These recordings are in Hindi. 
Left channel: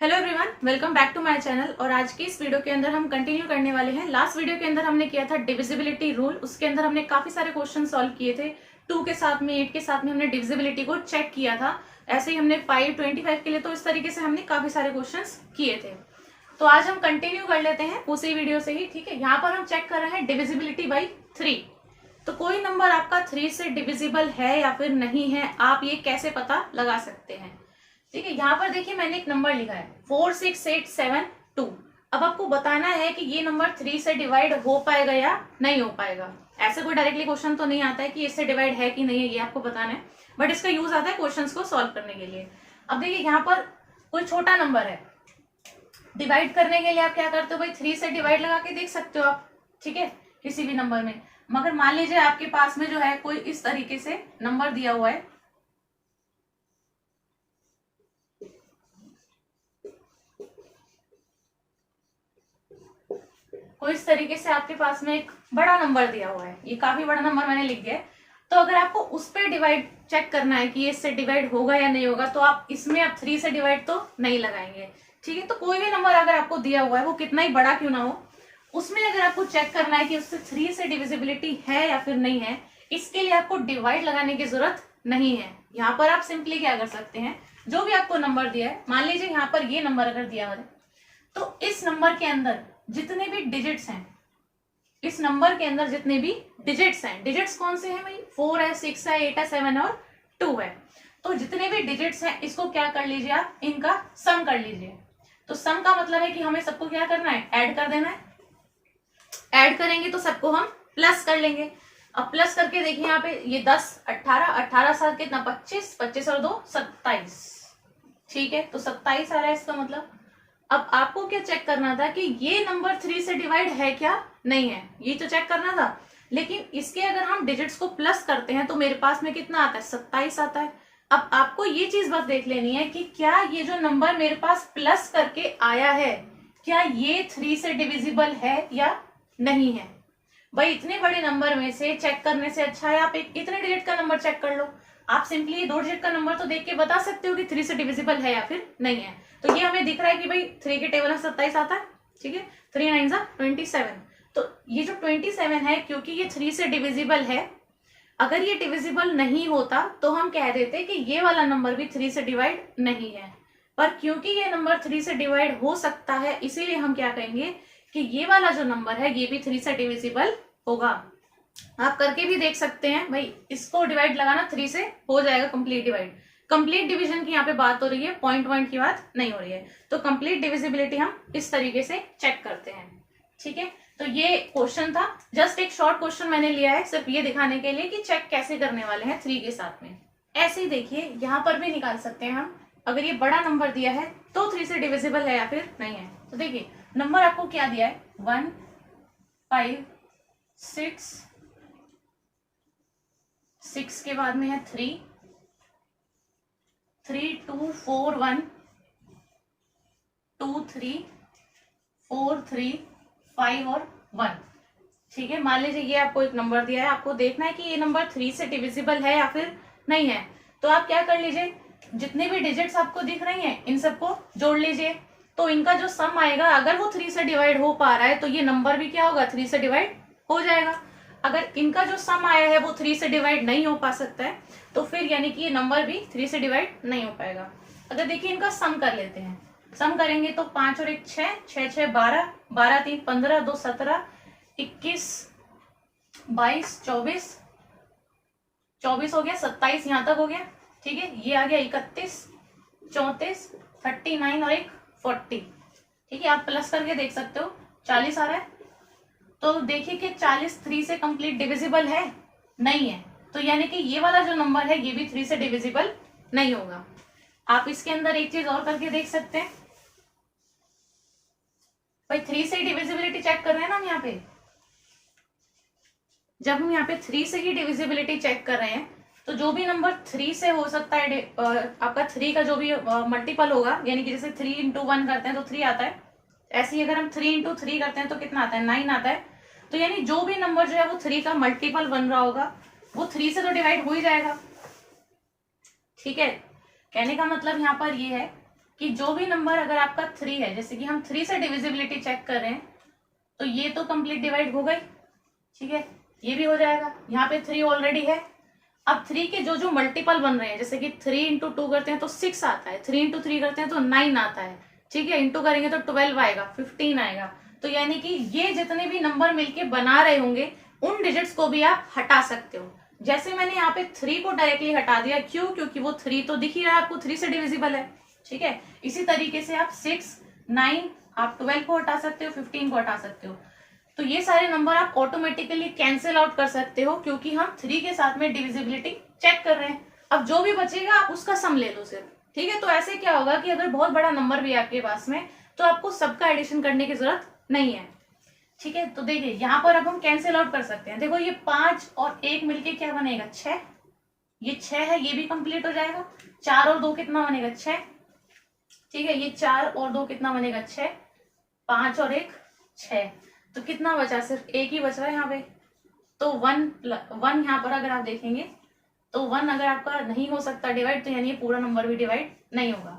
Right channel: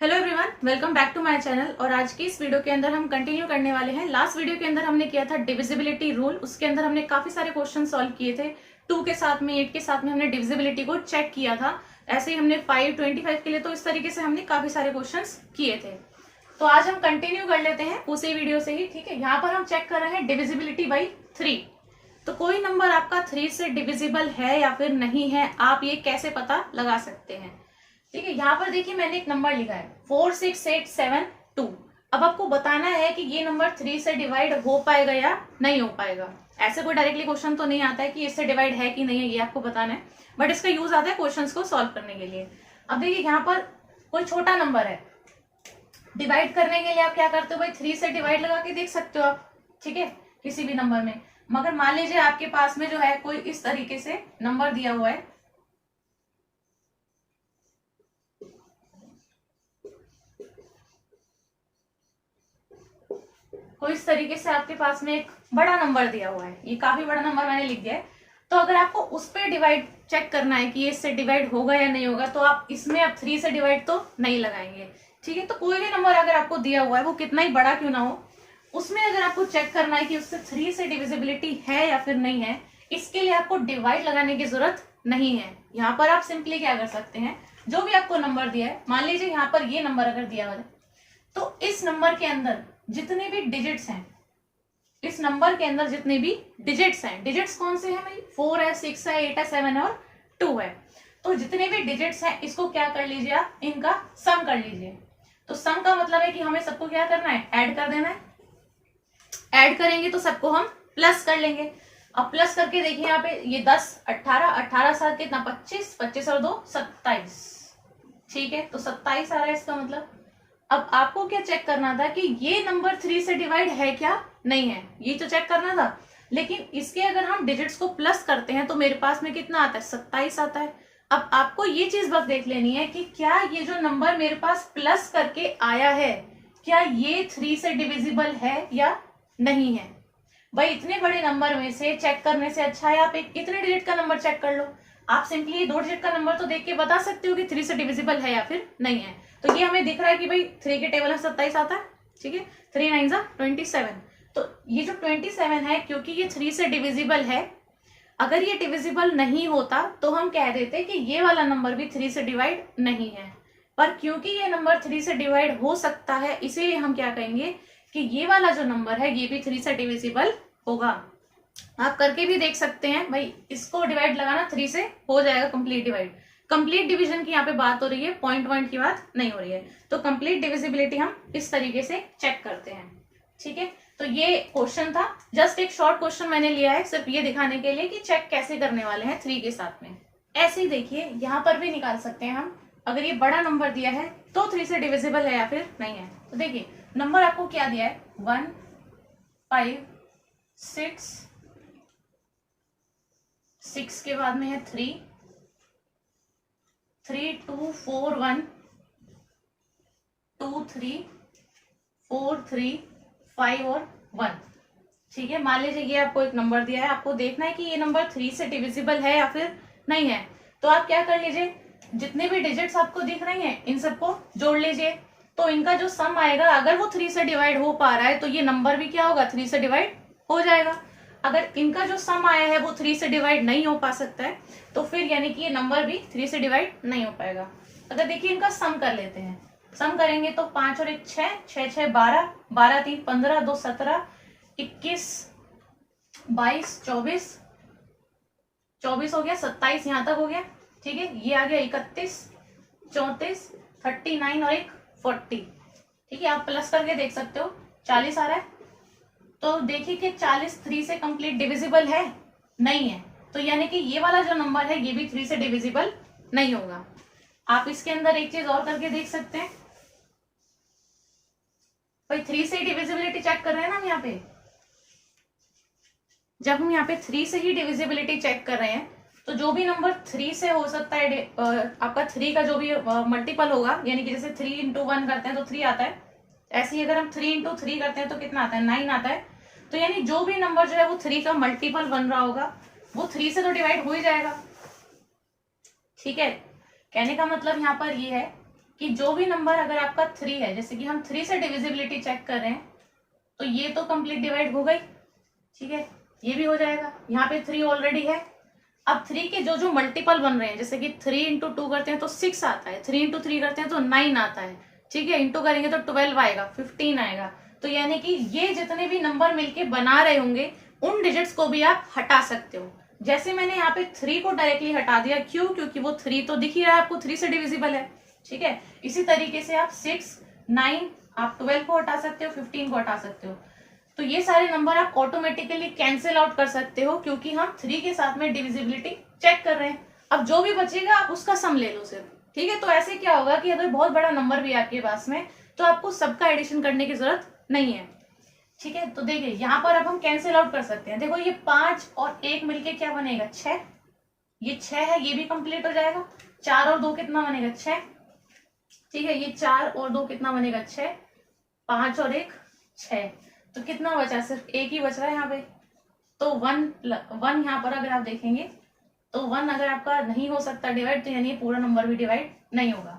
Hello everyone, welcome back to my channel. और आज की इस वीडियो के अंदर हम कंटिन्यू करने वाले हैं। लास्ट वीडियो के अंदर हमने किया था डिविजिबिलिटी रूल। उसके अंदर हमने काफी सारे क्वेश्चन सॉल्व किए थे। 2 के साथ में 8 के साथ में हमने डिविजिबिलिटी को चेक किया था। ऐसे ही हमने 5, 25 के लिए, तो इस तरीके से हमने काफी सारे क्वेश्चन किए थे। तो आज हम कंटिन्यू कर लेते हैं उसी वीडियो से ही। ठीक है, यहाँ पर हम चेक कर रहे हैं डिविजिबिलिटी बाई 3। तो कोई नंबर आपका 3 से डिविजिबल है या फिर नहीं है, आप ये कैसे पता लगा सकते हैं। ठीक है, यहाँ पर देखिए मैंने एक नंबर लिखा है 46872। अब आपको बताना है कि ये नंबर 3 से डिवाइड हो पाएगा या नहीं हो पाएगा। ऐसे कोई डायरेक्टली क्वेश्चन तो नहीं आता है कि इससे डिवाइड है कि नहीं है, ये आपको बताना है, बट इसका यूज आता है क्वेश्चंस को सॉल्व करने के लिए। अब देखिए यहाँ पर कोई छोटा नंबर है, डिवाइड करने के लिए आप क्या करते हो भाई, 3 से डिवाइड लगा के देख सकते हो आप। ठीक है, किसी भी नंबर में। मगर मान लीजिए आपके पास में जो है कोई इस तरीके से नंबर दिया हुआ है, कोई इस तरीके से आपके पास में एक बड़ा नंबर दिया हुआ है, ये काफी बड़ा नंबर मैंने लिख दिया है। तो अगर आपको उस पर डिवाइड चेक करना है कि ये इससे डिवाइड होगा या नहीं होगा, तो आप इसमें आप 3 से डिवाइड तो नहीं लगाएंगे। ठीक है, तो कोई भी नंबर अगर आपको दिया हुआ है, वो कितना ही बड़ा क्यों ना हो, उसमें अगर आपको चेक करना है कि उससे 3 से डिविजिबिलिटी है या फिर नहीं है, इसके लिए आपको डिवाइड लगाने की जरूरत नहीं है। यहाँ पर आप सिंपली क्या कर सकते हैं, जो भी आपको नंबर दिया है, मान लीजिए यहाँ पर ये नंबर अगर दिया हुआ है, तो इस नंबर के अंदर जितने भी डिजिट्स हैं, इस नंबर के अंदर जितने भी डिजिट्स हैं, डिजिट्स कौन से हैं भाई, 4 है, 6 है, 8 है, 7 है और 2 है। तो जितने भी डिजिट्स हैं इसको क्या कर लीजिए आप, इनका सम कर लीजिए। तो सम का मतलब है कि हमें सबको क्या करना है, ऐड कर देना है। ऐड करेंगे तो सबको हम प्लस कर लेंगे। अब प्लस करके देखिए यहाँ पे, ये 10, 18, 18 साल कितना, 25, 25 और 2 27। ठीक है, तो 27 आ रहा है इसका मतलब। अब आपको क्या चेक करना था कि ये नंबर 3 से डिवाइड है क्या नहीं है, ये तो चेक करना था। लेकिन इसके अगर हम डिजिट्स को प्लस करते हैं तो मेरे पास में कितना आता है, 27 आता है। अब आपको ये चीज बस देख लेनी है कि क्या ये जो नंबर मेरे पास प्लस करके आया है, क्या ये 3 से डिविजिबल है या नहीं है। भाई इतने बड़े नंबर में से चेक करने से अच्छा है आप एक इतने डिजिट का नंबर चेक कर लो। आप सिंपली ये 2 डिजिट का नंबर तो देख के बता सकते हो कि 3 से डिविजिबल है या फिर नहीं है। तो ये हमें दिख रहा है कि भाई 3 के टेबल में 27 आता है। ठीक है, 3 9 27। तो ये जो 27 है, क्योंकि ये 3 से डिविजिबल है, अगर ये डिविजिबल नहीं होता तो हम कह देते कि ये वाला नंबर भी 3 से डिवाइड नहीं है। पर क्योंकि ये नंबर 3 से डिवाइड हो सकता है, इसीलिए हम क्या कहेंगे कि ये वाला जो नंबर है ये भी 3 से डिविजिबल होगा। आप करके भी देख सकते हैं भाई, इसको डिवाइड लगाना 3 से हो जाएगा, कंप्लीट डिवाइड। कंप्लीट डिवीजन की यहाँ पे बात हो रही है, पॉइंट की बात नहीं हो रही है। तो कंप्लीट डिविजिबिलिटी हम इस तरीके से चेक करते हैं। ठीक है, तो ये क्वेश्चन था, जस्ट एक शॉर्ट क्वेश्चन मैंने लिया है सिर्फ ये दिखाने के लिए कि चेक कैसे करने वाले हैं 3 के साथ में। ऐसे ही देखिए यहाँ पर भी निकाल सकते हैं हम, अगर ये बड़ा नंबर दिया है तो 3 से डिविजिबल है या फिर नहीं है। तो देखिए नंबर आपको क्या दिया है, 1 5 6, 6 के बाद में है 3 3 2 4 1 2 3 4 3 5 और 1। ठीक है, मान लीजिए ये आपको एक नंबर दिया है, आपको देखना है कि ये नंबर 3 से डिविजिबल है या फिर नहीं है। तो आप क्या कर लीजिए, जितने भी डिजिट्स आपको दिख रही हैं इन सबको जोड़ लीजिए। तो इनका जो सम आएगा, अगर वो 3 से डिवाइड हो पा रहा है तो ये नंबर भी क्या होगा, 3 से डिवाइड हो जाएगा। अगर इनका जो सम आया है वो 3 से डिवाइड नहीं हो पा सकता है, तो फिर यानी कि ये नंबर भी 3 से डिवाइड नहीं हो पाएगा। अगर देखिए इनका सम कर लेते हैं, सम करेंगे तो 5 और 1 6, 6 6 12, 12 3 15, 2 17, 21 22 24, 24 हो गया, 27 यहां तक हो गया। ठीक है, ये आ गया 31 34 39 और 1 40। ठीक है, आप प्लस करके देख सकते हो, 40 आ रहा है। तो देखिए कि 40 3 से कंप्लीट डिविजिबल है, नहीं है। तो यानी कि ये वाला जो नंबर है ये भी 3 से डिविजिबल नहीं होगा। आप इसके अंदर एक चीज और करके देख सकते हैं, भाई 3 से ही डिविजिबिलिटी चेक कर रहे हैं ना हम यहाँ पे। जब हम यहाँ पे 3 से ही डिविजिबिलिटी चेक कर रहे हैं, तो जो भी नंबर 3 से हो सकता है, आपका 3 का जो भी मल्टीपल होगा, यानी कि जैसे 3 इंटू 1 करते हैं तो 3 आता है। ऐसे ही अगर हम 3 इंटू 3 करते हैं तो कितना आता है, 9 आता है। तो यानी जो भी नंबर जो है वो 3 का मल्टीपल बन रहा होगा, वो 3 से तो डिवाइड हो ही जाएगा। ठीक है, कहने का मतलब यहाँ पर ये है कि जो भी नंबर अगर आपका 3 है, जैसे कि हम 3 से डिविजिबिलिटी चेक कर रहे हैं, तो ये तो कंप्लीट डिवाइड हो गई, ठीक है, ये भी हो जाएगा, यहाँ पे 3 ऑलरेडी है। अब 3 के जो जो मल्टीपल बन रहे हैं, जैसे कि 3 इंटू 2 करते हैं तो 6 आता है, 3 इंटू 3 करते हैं तो 9 आता है, ठीक है, इंटू करेंगे तो 12 आएगा, 15 आएगा। तो यानी कि ये जितने भी नंबर मिलके बना रहे होंगे उन डिजिट्स को भी आप हटा सकते हो। जैसे मैंने यहाँ पे 3 को डायरेक्टली हटा दिया, क्यों? क्योंकि वो 3 तो दिख ही रहा है आपको, 3 से डिविजिबल है, ठीक है। इसी तरीके से आप 6, 9, आप 12 को हटा सकते हो, 15 को हटा सकते हो। तो ये सारे नंबर आप ऑटोमेटिकली कैंसिल आउट कर सकते हो, क्योंकि हम 3 के साथ में डिविजिबिलिटी चेक कर रहे हैं। अब जो भी बचेगा आप उसका सम ले लो सिर्फ, ठीक है। तो ऐसे क्या होगा कि अगर बहुत बड़ा नंबर भी आपके पास में, तो आपको सबका एडिशन करने की जरूरत नहीं है, ठीक है। तो देखिए यहाँ पर अब हम कैंसिल आउट कर सकते हैं। देखो ये 5 और 1 मिलके क्या बनेगा, 6, ये 6 है, ये भी कंप्लीट हो जाएगा। 4 और 2 कितना बनेगा, 6, ठीक है, ये 4 और 2 कितना बनेगा, 6, 5 और 1 6, तो कितना बचा, सिर्फ 1 ही बच रहा है यहाँ पे। तो 1 यहाँ पर अगर आप देखेंगे तो 1 अगर आपका नहीं हो सकता डिवाइड, तो यानी ये पूरा नंबर भी डिवाइड नहीं होगा।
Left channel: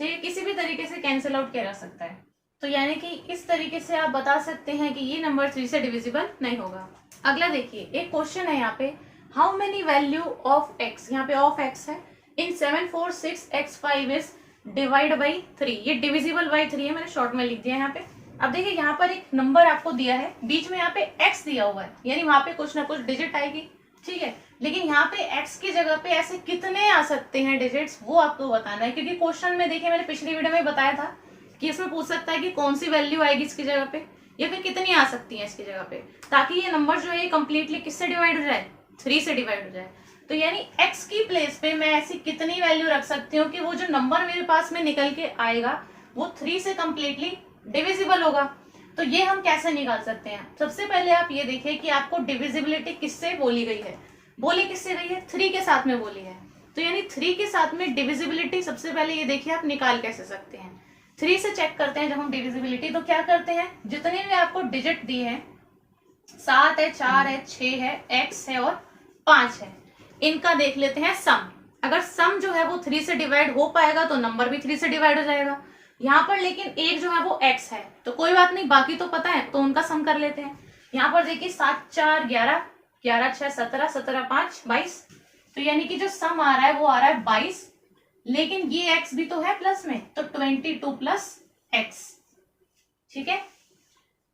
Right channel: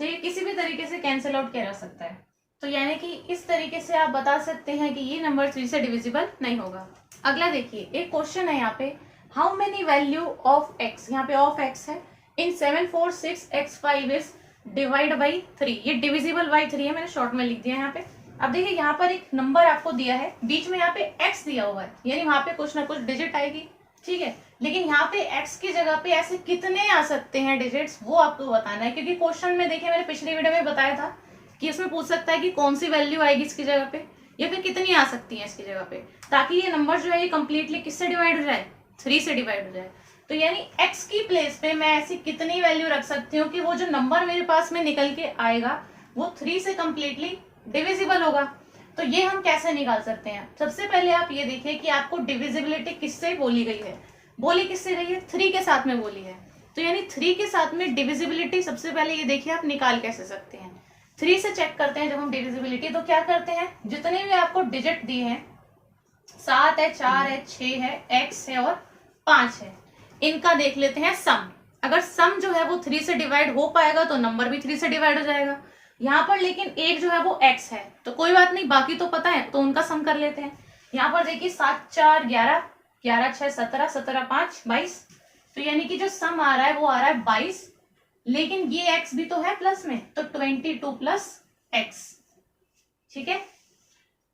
तो ये किसी भी तरीके से कैंसिल आउट किया जा सकता है। तो यानी कि इस तरीके से आप बता सकते हैं कि ये नंबर 3 से डिविजिबल नहीं होगा। अगला देखिए, एक क्वेश्चन है यहाँ पे, how many value of x, यहाँ पे ऑफ x है, इन 7 4 6 x 5 इज डिवाइड बाई 3, ये डिविजिबल बाई 3 है, मैंने शॉर्ट में लिख दिया यहाँ पे। अब देखिए यहाँ पर एक नंबर आपको दिया है, बीच में यहाँ पे x दिया हुआ है, यानी वहां पे कुछ ना कुछ डिजिट आएगी, ठीक है। लेकिन यहाँ पे x की जगह पे ऐसे कितने आ सकते हैं डिजिट्स, वो आपको बताना है। क्योंकि क्वेश्चन में देखिए मैंने पिछली वीडियो में बताया था कि इसमें पूछ सकता है कि कौन सी वैल्यू आएगी इसकी जगह पे, या फिर कितनी आ सकती है इसकी जगह पे, ताकि ये नंबर जो है ये कंप्लीटली किससे डिवाइड हो जाए, 3 से डिवाइड हो जाए। तो यानी x की प्लेस पे मैं ऐसी कितनी वैल्यू रख सकती हूँ कि वो जो नंबर मेरे पास में निकल के आएगा वो 3 से कंप्लीटली डिविजिबल होगा। तो ये हम कैसे निकाल सकते हैं? सबसे पहले आप ये देखिए कि आपको डिविजिबिलिटी किससे बोली गई है, बोली किससे गई है, 3 के साथ में बोली है। तो यानी 3 के साथ में डिविजिबिलिटी सबसे पहले ये देखिए आप निकाल कैसे सकते हैं। 3 से चेक करते हैं जब हम डिविजिबिलिटी, तो क्या करते हैं, जितने भी आपको डिजिट दिए हैं, 7 है, 4 है, 6 है, x है और 5 है, इनका देख लेते हैं सम। अगर सम जो है वो 3 से डिवाइड हो पाएगा तो नंबर भी 3 से डिवाइड हो जाएगा। यहाँ पर लेकिन एक जो है वो x है, तो कोई बात नहीं, बाकी तो पता है, तो उनका सम कर लेते हैं। यहाँ पर देखिए 7 4 11, 11 6 17, 17 5 22, तो यानी कि जो सम आ रहा है वो आ रहा है 22, लेकिन ये x भी तो है प्लस में, तो 22 प्लस x, ठीक है।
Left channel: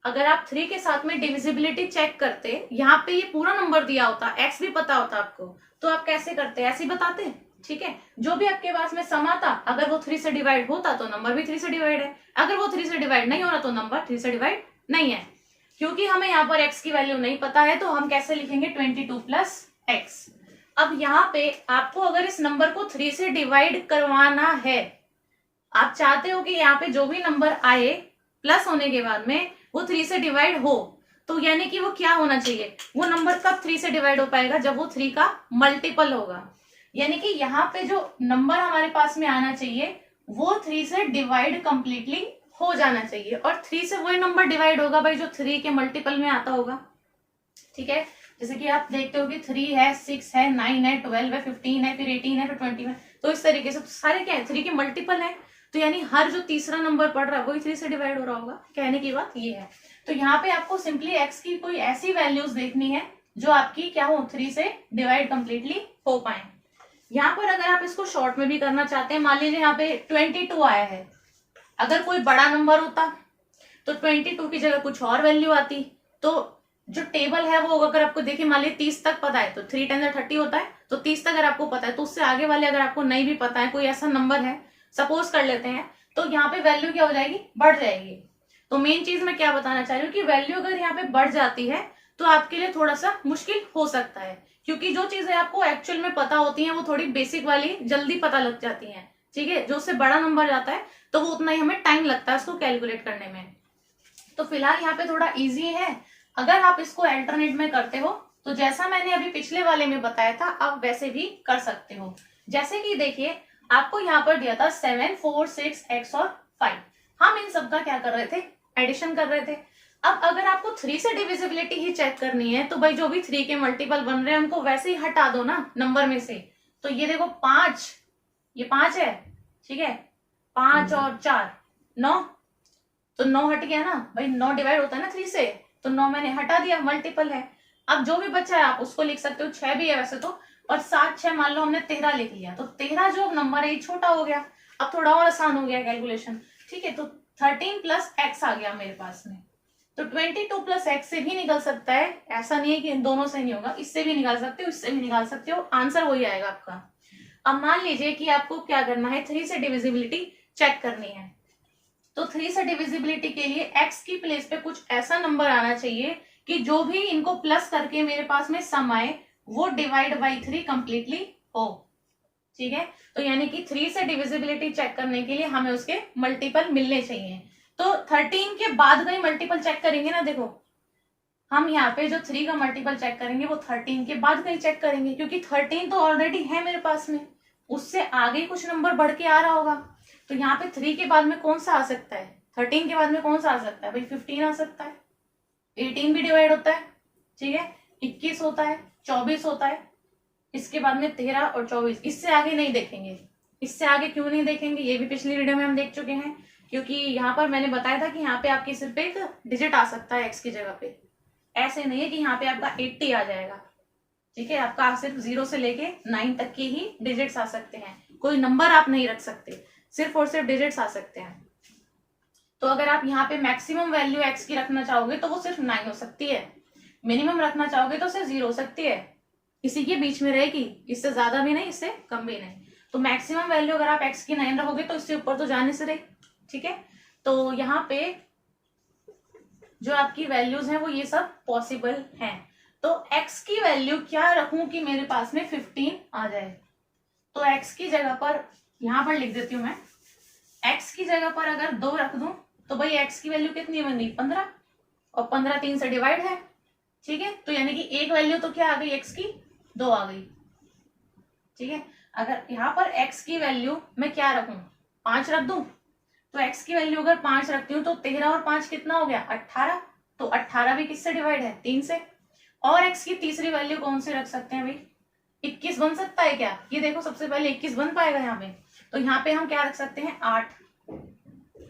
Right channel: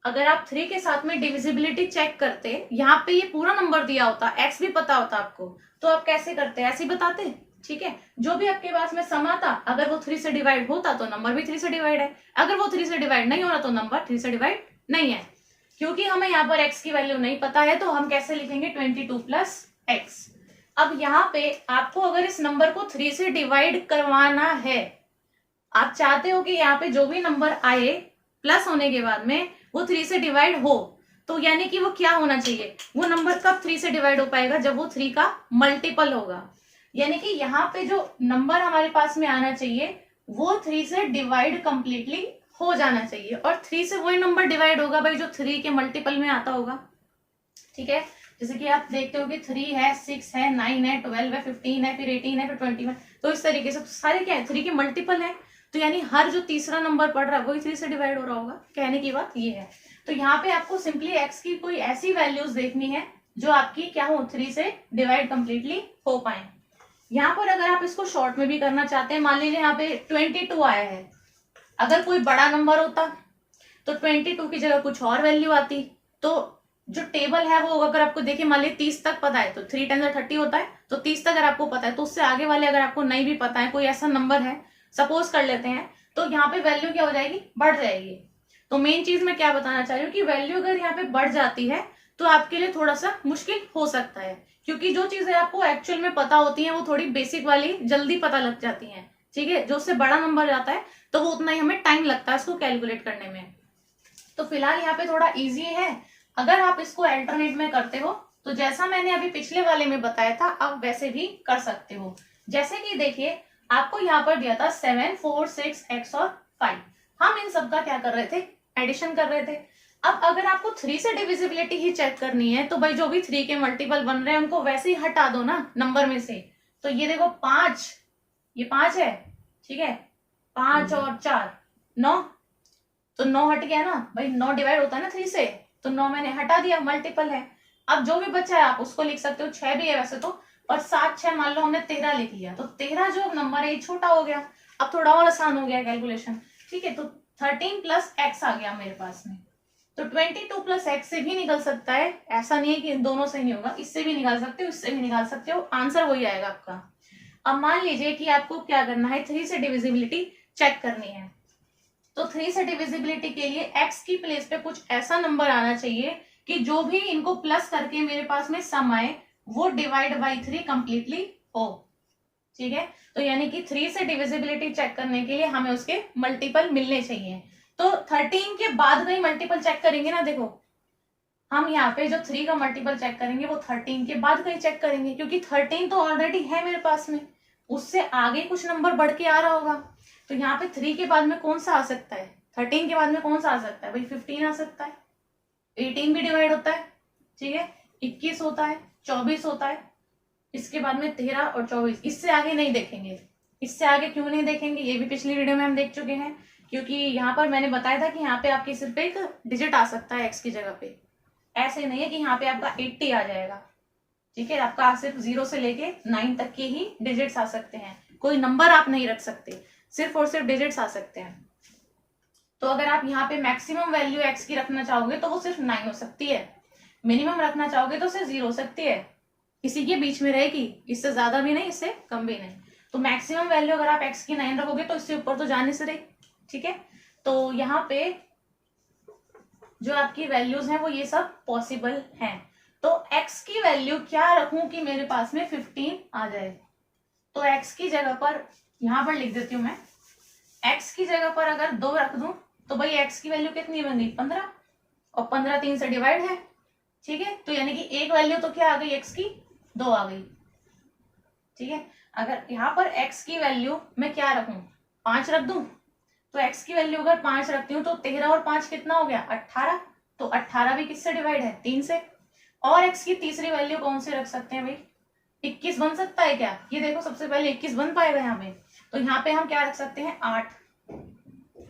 अगर आप 3 के साथ में डिविजिबिलिटी चेक करते, यहाँ पे ये पूरा नंबर दिया होता, x भी पता होता आपको, तो आप कैसे करते, ऐसे ही बताते, ठीक है। जो भी आपके पास में सम आता, अगर वो 3 से डिवाइड होता तो नंबर भी 3 से डिवाइड है, अगर वो 3 से डिवाइड नहीं हो रहा तो नंबर 3 से डिवाइड नहीं है। क्योंकि हमें यहाँ पर x की वैल्यू नहीं पता है, तो हम कैसे लिखेंगे, 22 प्लस x। अब यहाँ पे आपको अगर इस नंबर को 3 से डिवाइड करवाना है, आप चाहते हो कि यहाँ पे जो भी नंबर आए प्लस होने के बाद में वो 3 से डिवाइड हो, तो यानी कि वो क्या होना चाहिए, वो नंबर कब 3 से डिवाइड हो पाएगा, जब वो 3 का मल्टीपल होगा। यानी कि यहाँ पे जो नंबर हमारे पास में आना चाहिए वो 3 से डिवाइड कंप्लीटली हो जाना चाहिए, और 3 से वही नंबर डिवाइड होगा भाई जो 3 के मल्टीपल में आता होगा, ठीक है। जैसे कि आप देखते हो कि 3 है, 6 है, 9 है, 12 है, 15 है, फिर 18 है, फिर 21, तो इस तरीके से सारे क्या है, 3 के मल्टीपल है। तो यानी हर जो तीसरा नंबर पड़ रहा है वही 3 से डिवाइड हो रहा होगा, कहने की बात ये है। तो यहाँ पे आपको सिंपली x की कोई ऐसी वैल्यूज देखनी है जो आपकी क्या हो, 3 से डिवाइड कंप्लीटली हो पाए। यहाँ पर अगर आप इसको शॉर्ट में भी करना चाहते हैं, मान लीजिए यहाँ पे 22 आया है, अगर कोई बड़ा नंबर होता तो 22 की जगह कुछ और वैल्यू आती, तो जो टेबल है वो अगर आपको देखिए, मान लीजिए 30 तक पता है तो 3 10 30 होता है, तो 30 तक अगर आपको पता है, तो उससे आगे वाले अगर आपको नहीं भी पता है, कोई ऐसा नंबर है सपोज कर लेते हैं, तो यहाँ पे वैल्यू क्या हो जाएगी, बढ़ जाएगी। तो मेन चीज मैं क्या बताना चाह रही हूँ कि वैल्यू अगर यहाँ पे बढ़ जाती है तो आपके लिए थोड़ा सा मुश्किल हो सकता है, क्योंकि जो चीजें आपको एक्चुअल में पता होती हैं वो थोड़ी बेसिक वाली जल्दी पता लग जाती हैं, ठीक है। जो उससे बड़ा नंबर जाता है तो वो उतना ही हमें टाइम लगता है उसको कैलकुलेट करने में। तो फिलहाल यहाँ पे थोड़ा इजी है, अगर आप इसको अल्टरनेट में करते हो तो जैसा मैंने अभी पिछले वाले में बताया था आप वैसे भी कर सकते हो। जैसे कि देखिए आपको यहाँ पर दिया था 7 4 6 x और 5, हम इन सब का क्या कर रहे थे, एडिशन कर रहे थे। अब अगर आपको 3 से डिविजिबिलिटी ही चेक करनी है तो भाई जो भी 3 के मल्टीपल बन रहे हैं उनको वैसे ही हटा दो ना नंबर में से। तो ये देखो 5, ये 5 है, ठीक है, 5 और 4 9, तो 9 हट गया ना भाई, 9 डिवाइड होता है ना 3 से, तो 9 मैंने हटा दिया, मल्टीपल है। अब जो भी बचा है आप उसको लिख सकते हो, 6 भी है वैसे तो, और 7 6 मान लो हमने 13 लिख लिया, तो 13 जो नंबर है ये छोटा हो गया, अब थोड़ा और आसान हो गया कैलकुलेशन। ठीक है, तो 13 प्लस एक्स आ गया मेरे पास में, तो 22 प्लस एक्स से भी निकल सकता है, ऐसा नहीं है कि इन दोनों से नहीं होगा, इससे भी निकाल सकते हो, इससे भी निकाल सकते हो, आंसर वही आएगा आपका। अब मान लीजिए कि आपको क्या करना है, 3 से डिविजिबिलिटी चेक करनी है, तो 3 से डिविजिबिलिटी के लिए x की प्लेस पे कुछ ऐसा नंबर आना चाहिए कि जो भी इनको प्लस करके मेरे पास में सम आए वो डिवाइड बाई 3 कंप्लीटली हो। ठीक है, तो यानी कि 3 से डिविजिबिलिटी चेक करने के लिए हमें उसके मल्टीपल मिलने चाहिए। तो 13 के बाद का ही मल्टीपल चेक करेंगे ना, देखो हम यहाँ पे जो 3 का मल्टीपल चेक करेंगे वो 13 के बाद का ही चेक करेंगे, क्योंकि 13 तो ऑलरेडी है मेरे पास में, उससे आगे कुछ नंबर बढ़ के आ रहा होगा। तो यहाँ पे 3 के बाद में कौन सा आ सकता है, 13 के बाद में कौन सा आ सकता है भाई, 15 आ सकता है, 18 भी डिवाइड होता है, ठीक है, 21 होता है, 24 होता है, इसके बाद में 13 और 24, इससे आगे नहीं देखेंगे। इससे आगे क्यों नहीं देखेंगे, ये भी पिछली वीडियो में हम देख चुके हैं, क्योंकि यहाँ पर मैंने बताया था कि यहाँ पे आपके सिर्फ एक डिजिट आ सकता है एक्स की जगह पे, ऐसे नहीं है कि यहाँ पे आपका 80 आ जाएगा। ठीक है, आपका सिर्फ 0 से लेके 9 तक के ही डिजिट्स आ सकते हैं, कोई नंबर आप नहीं रख सकते, सिर्फ और सिर्फ डिजिट्स आ सकते हैं। तो अगर आप यहाँ पे मैक्सिमम वैल्यू एक्स की रखना चाहोगे तो वो सिर्फ 9 हो सकती है, मिनिमम रखना चाहोगे तो सिर्फ 0 हो सकती है, इसी के बीच में रहेगी, इससे ज्यादा भी नहीं इससे कम भी नहीं। तो मैक्सिमम वैल्यू अगर आप एक्स की 9 रखोगे तो इससे ऊपर तो जाने से रही। ठीक है, तो यहाँ पे जो आपकी वैल्यूज हैं वो ये सब पॉसिबल हैं। तो x की वैल्यू क्या रखूं कि मेरे पास में 15 आ जाए, तो x की जगह पर यहां पर लिख देती हूं मैं, x की जगह पर अगर 2 रख दूं तो भाई x की वैल्यू कितनी बनी 15, और 15 3 से डिवाइड है। ठीक है, तो यानी कि एक वैल्यू तो क्या आ गई x की 2 आ गई। ठीक है, अगर यहाँ पर x की वैल्यू मैं क्या रखूं 5 रख दूं, तो x की वैल्यू अगर 5 रखती हूँ तो 13 और 5 कितना हो गया 18, तो 18 भी किससे डिवाइड है 3 से। और x की तीसरी वैल्यू कौन सी रख सकते हैं भाई, 21 बन सकता है क्या, ये देखो सबसे पहले 21 बन पाएगा यहाँ पे, तो यहाँ पे हम क्या रख सकते हैं 8।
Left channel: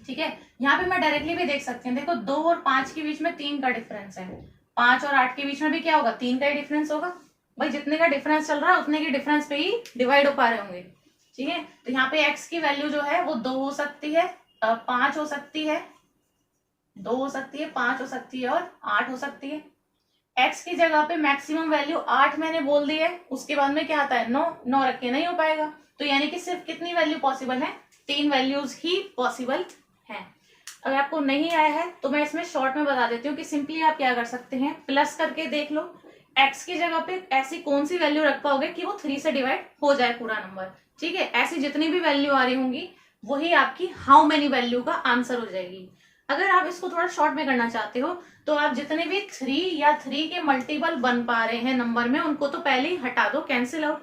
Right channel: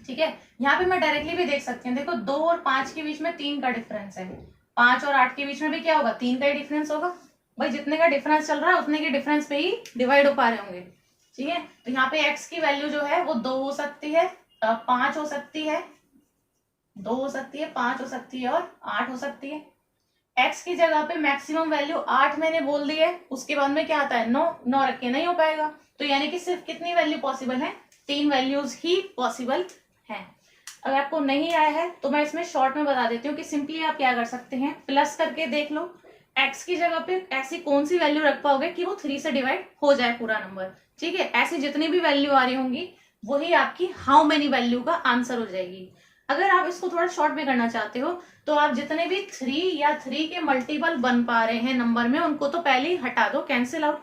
ठीक है, यहाँ पे मैं डायरेक्टली भी देख सकते हैं, देखो 2 और 5 के बीच में 3 का डिफरेंस है, 5 और 8 के बीच में भी क्या होगा 3 का ही डिफरेंस होगा भाई, जितने का डिफरेंस चल रहा है उतने के डिफरेंस पे ही डिवाइड हो पा रहे होंगे। ठीक है, तो यहाँ पे x की वैल्यू जो है वो 2 हो सकती है, 5 हो सकती है, 2 हो सकती है, 5 हो सकती है और 8 हो सकती है। x की जगह पे मैक्सिमम वैल्यू 8 मैंने बोल दी है, उसके बाद में क्या आता है 9, 9 रख के नहीं हो पाएगा, तो यानी कि सिर्फ कितनी वैल्यू पॉसिबल है 3 वैल्यूज ही पॉसिबल है। अगर आपको नहीं आया है तो मैं इसमें शॉर्ट में बता देती हूँ कि सिंपली आप क्या कर सकते हैं, प्लस करके देख लो x की जगह पे ऐसी कौन सी वैल्यू रख पाओगे कि वो 3 से डिवाइड हो जाए पूरा नंबर। ठीक है, ऐसी जितनी भी वैल्यू आ रही होंगी वही आपकी हाउ मेनी वैल्यू का आंसर हो जाएगी। अगर आप इसको थोड़ा शॉर्ट में करना चाहते हो तो आप जितने भी 3 या 3 के मल्टीपल बन पा रहे हैं नंबर में उनको तो पहले ही हटा दो, कैंसिल आउट।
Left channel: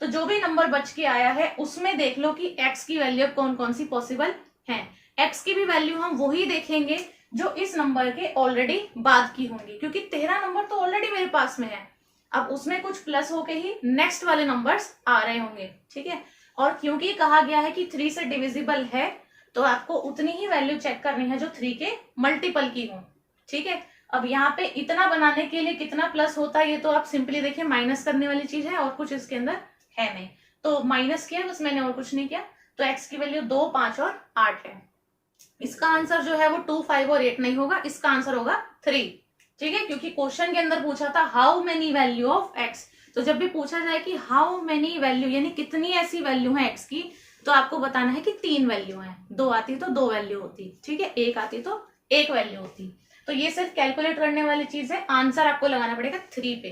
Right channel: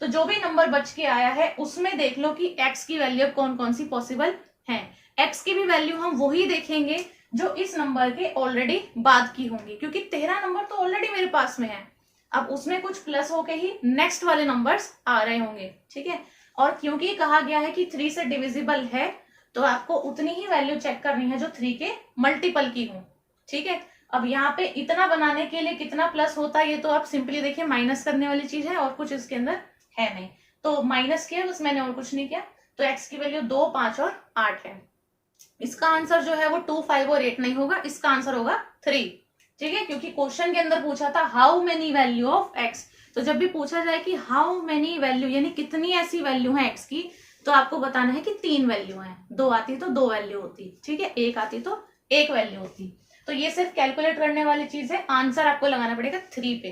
तो जो भी नंबर बच के आया है उसमें देख लो कि x की वैल्यू कौन कौन सी पॉसिबल है। x की भी वैल्यू हम वही देखेंगे जो इस नंबर के ऑलरेडी बाद की होंगी, क्योंकि 13 नंबर तो ऑलरेडी मेरे पास में है, अब उसमें कुछ प्लस होके ही नेक्स्ट वाले नंबर्स आ रहे होंगे। ठीक है, और क्योंकि कहा गया है कि 3 से डिविजिबल है तो आपको उतनी ही वैल्यू चेक करनी है जो 3 के मल्टीपल की हो। ठीक है, अब यहाँ पे इतना बनाने के लिए कितना प्लस होता है ये तो आप सिंपली देखिए, माइनस करने वाली चीज है और कुछ इसके अंदर है नहीं, तो माइनस किया बस मैंने और कुछ नहीं किया। तो x की वैल्यू 2, 5 और 8 है। इसका आंसर जो है वो 2, 5 और 8 नहीं होगा, इसका आंसर होगा 3। ठीक है, क्योंकि क्वेश्चन के अंदर पूछा था how many value of x, तो जब भी पूछा जाए कि हाउ मेनी वैल्यू यानी कितनी ऐसी वैल्यू है x की, तो आपको बताना है कि 3 वैल्यू है, 2 आती तो 2 वैल्यू होती, ठीक है, 1 आती तो 1 वैल्यू होती। तो ये सिर्फ कैलकुलेट करने वाली चीज है, आंसर आपको लगाना पड़ेगा 3 पे।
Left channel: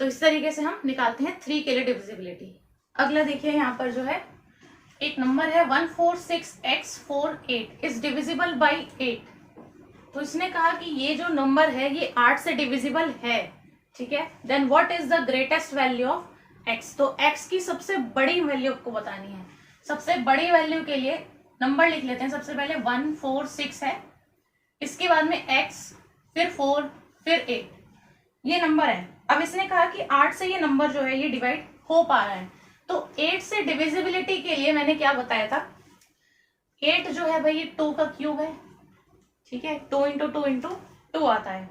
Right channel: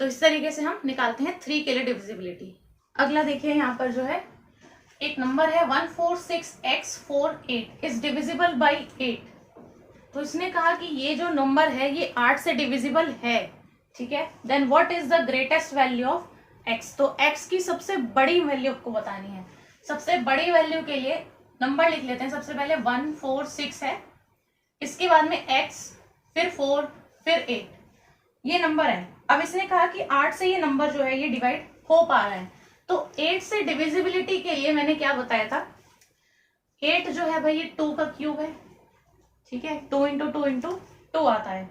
तो इस तरीके से हम निकालते हैं 3 के लिए डिविजिबिलिटी। अगला देखिए यहाँ पर जो है एक नंबर है 146x48 इज डिविजिबल बाई 8। तो इसने कहा कि ये जो नंबर है ये 8 से डिविजिबल है। ठीक है, then what is the greatest value of x, तो x की सबसे बड़ी वैल्यू आपको बतानी है। सबसे बड़ी वैल्यू के लिए नंबर लिख लेते हैं, सबसे पहले 146 है, इसके बाद में x, फिर 4, फिर 8, ये नंबर है। अब इसने कहा कि 8 से ये नंबर जो है ये डिवाइड हो पा रहा है, तो 8 से डिविजिबिलिटी के लिए मैंने क्या बताया था, 8 जो है भाई ये 2 का क्यूब है, ठीक है, 2 इंटू 2 इंटू 2 आता है।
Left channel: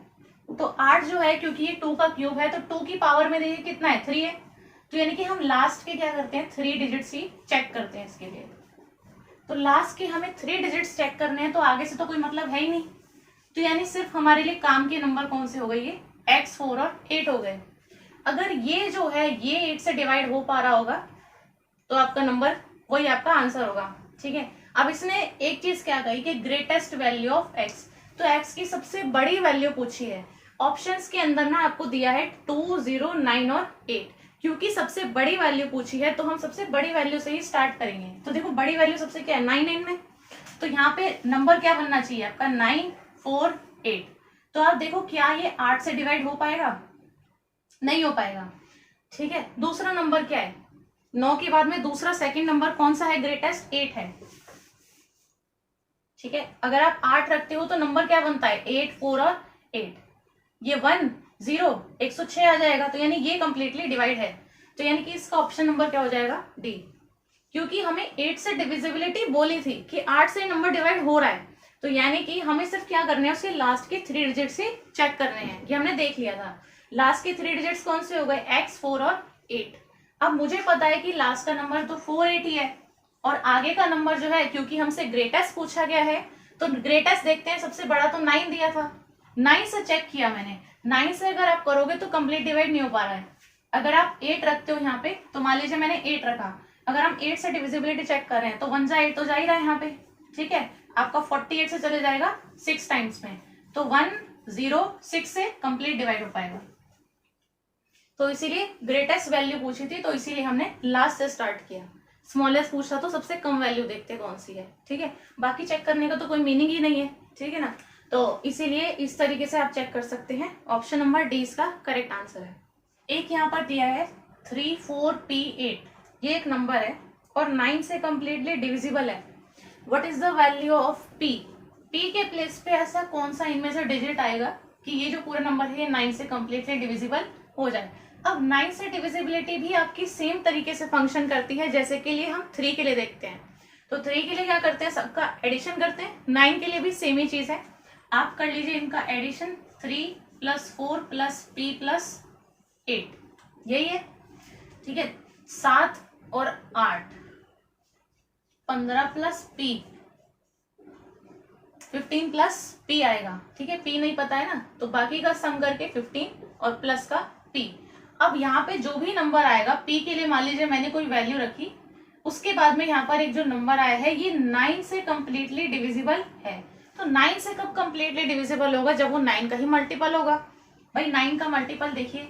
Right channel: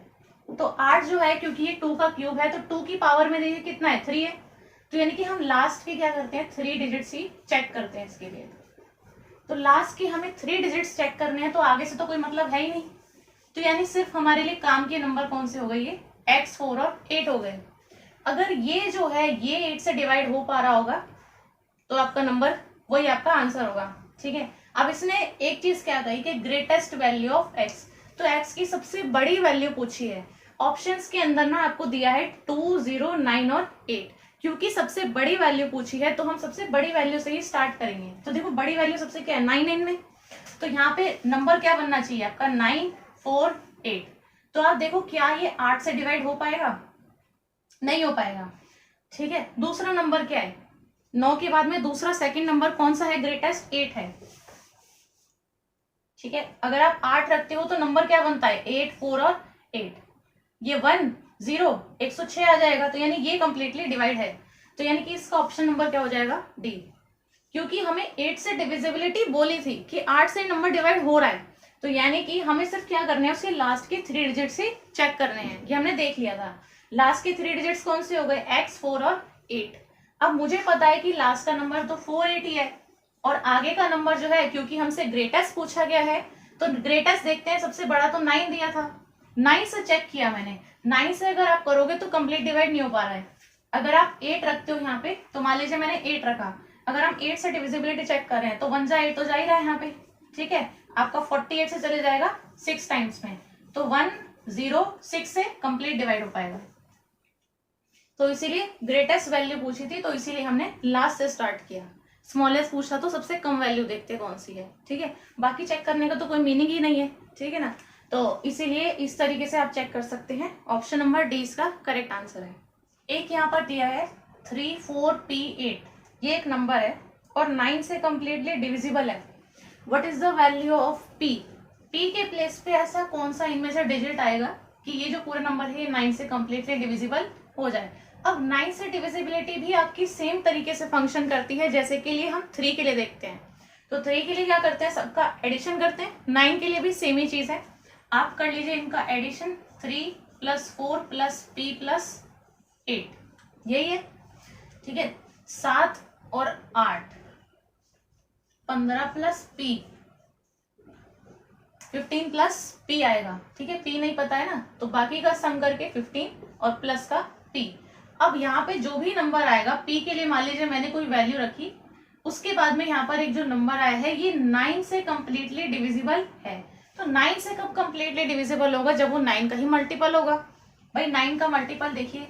तो 8 जो है क्योंकि ये 2 का क्यूब है तो 2 की पावर में देखिए कितना है, 3 है। तो यानी कि हम लास्ट के क्या करते हैं, 3 डिजिट्स ही चेक करते हैं इसके लिए। तो लास्ट के हमें 3 डिजिट्स चेक करने हैं, तो आगे से तो कोई मतलब है ही नहीं। तो यानी सिर्फ हमारे लिए काम के नंबर कौन से हो गए, ये x, 4 और 8 हो गए। अगर ये जो है ये 8 से डिवाइड हो पा रहा होगा तो आपका नंबर वही आपका आंसर होगा, ठीक है। अब इसने एक चीज क्या कही कि ग्रेटेस्ट वैल्यू ऑफ x, तो x की सबसे बड़ी वैल्यू पूछी है। ऑप्शंस के अंदर ना आपको दिया है 2, 0, 9 और 8। क्योंकि सबसे बड़ी वैल्यू पूछी है तो हम सबसे बड़ी वैल्यू से ही स्टार्ट करेंगे। तो देखो बड़ी वैल्यू सबसे क्या है, 9 इनमें, तो यहाँ पे नंबर क्या बनना चाहिए आपका 9, 4, 8। तो आप देखो क्या ये 8 से डिवाइड हो पाएगा, नहीं हो पाएगा, ठीक है। दूसरा नंबर क्या है, 9 के बाद में दूसरा सेकंड नंबर कौन सा है, ग्रेटेस्ट 8 है, ठीक है। अगर आप 8 रखते हो तो नंबर क्या बनता है 8, 4 और 8, ये 1, 0, 106 आ जाएगा। तो यानी ये कंप्लीटली डिवाइड है, तो यानी कि इसका ऑप्शन नंबर क्या हो जाएगा, डी। क्योंकि हमें 8 से डिविजिबिलिटी बोली थी कि 8 से नंबर डिवाइड हो रहा है, तो यानी कि हमें सिर्फ क्या करना है, उसके लास्ट के 3 डिजिट से चेक करने हैं। ये हमने देख लिया था, लास्ट के 3 डिजिट्स कौन से हो गए, x, 4 और 8। अब मुझे पता है कि लास्ट का नंबर तो 4, 8 ही है, और आगे का नंबर जो है क्योंकि हमसे ग्रेटेस्ट पूछा गया है तो ग्रेटेस्ट देखते हैं, सबसे बड़ा तो 9 दिया था, 9 से चेक किया मैंने। 9 से अगर आप करोगे तो कंप्लीट डिवाइड नहीं हो पा रहा है। अगर आप 8 रखते हो यहाँ पे, तो मान लीजिए मैंने 8 रखा, अगर हम 8 से डिविजिबिलिटी चेक कर रहे हैं तो 1 जा 8 तो जा ही रहा है यहाँ पे, ठीक है। आपका 48 से चले जाएगा 6 टाइम्स में, तो 1, 0, 6 से कंप्लीट डिवाइड हो पाएगा। तो इसीलिए ग्रेटेस्ट वैल्यू पूछी थी, तो इसीलिए हमने लास्ट से स्टार्ट किया। स्मॉलेस्ट पूछा तो सबसे कम वैल्यू देखते कौन सी है, ठीक है। बाकी चेक करने का तो कोई मीनिंग ही नहीं है, ठीक है ना। तो इसीलिए इस तरीके से आप चेक कर सकते हैं। ऑप्शन नंबर डी इसका करेक्ट आंसर है। एक यहाँ पर दिया है 3, 4, P, 8, ये एक नंबर है और 9 से कंप्लीटली डिविजिबल है। What is the value of P? P के प्लेस पे ऐसा कौन सा इनमें से डिजिट आएगा कि ये जो पूरा नंबर है 9 से कंप्लीटली डिविजिबल हो जाए। अब 9 से डिविजिबिलिटी भी आपकी सेम तरीके से फंक्शन करती है जैसे के लिए हम 3 के लिए देखते हैं। तो 3 के लिए क्या करते हैं, सबका एडिशन करते हैं। 9 के लिए भी सेम ही चीज है, आप कर लीजिए इनका एडिशन, 3 + 4 + P + 8, यही है, ठीक है। 7 और 8, 15 + P, 15 + P आएगा, ठीक है। P नहीं पता है ना, तो बाकी का सम करके 15 और प्लस का P। अब यहाँ पे जो भी नंबर आएगा P के लिए, मान लीजिए मैंने कोई वैल्यू रखी, उसके बाद में यहाँ पर एक जो नंबर आया है ये 9 से कंप्लीटली डिविजिबल है। तो 9 से कब कंप्लीटली डिविजिबल होगा, जब वो 9 का ही मल्टीपल होगा। भाई 9 का मल्टीपल देखिए,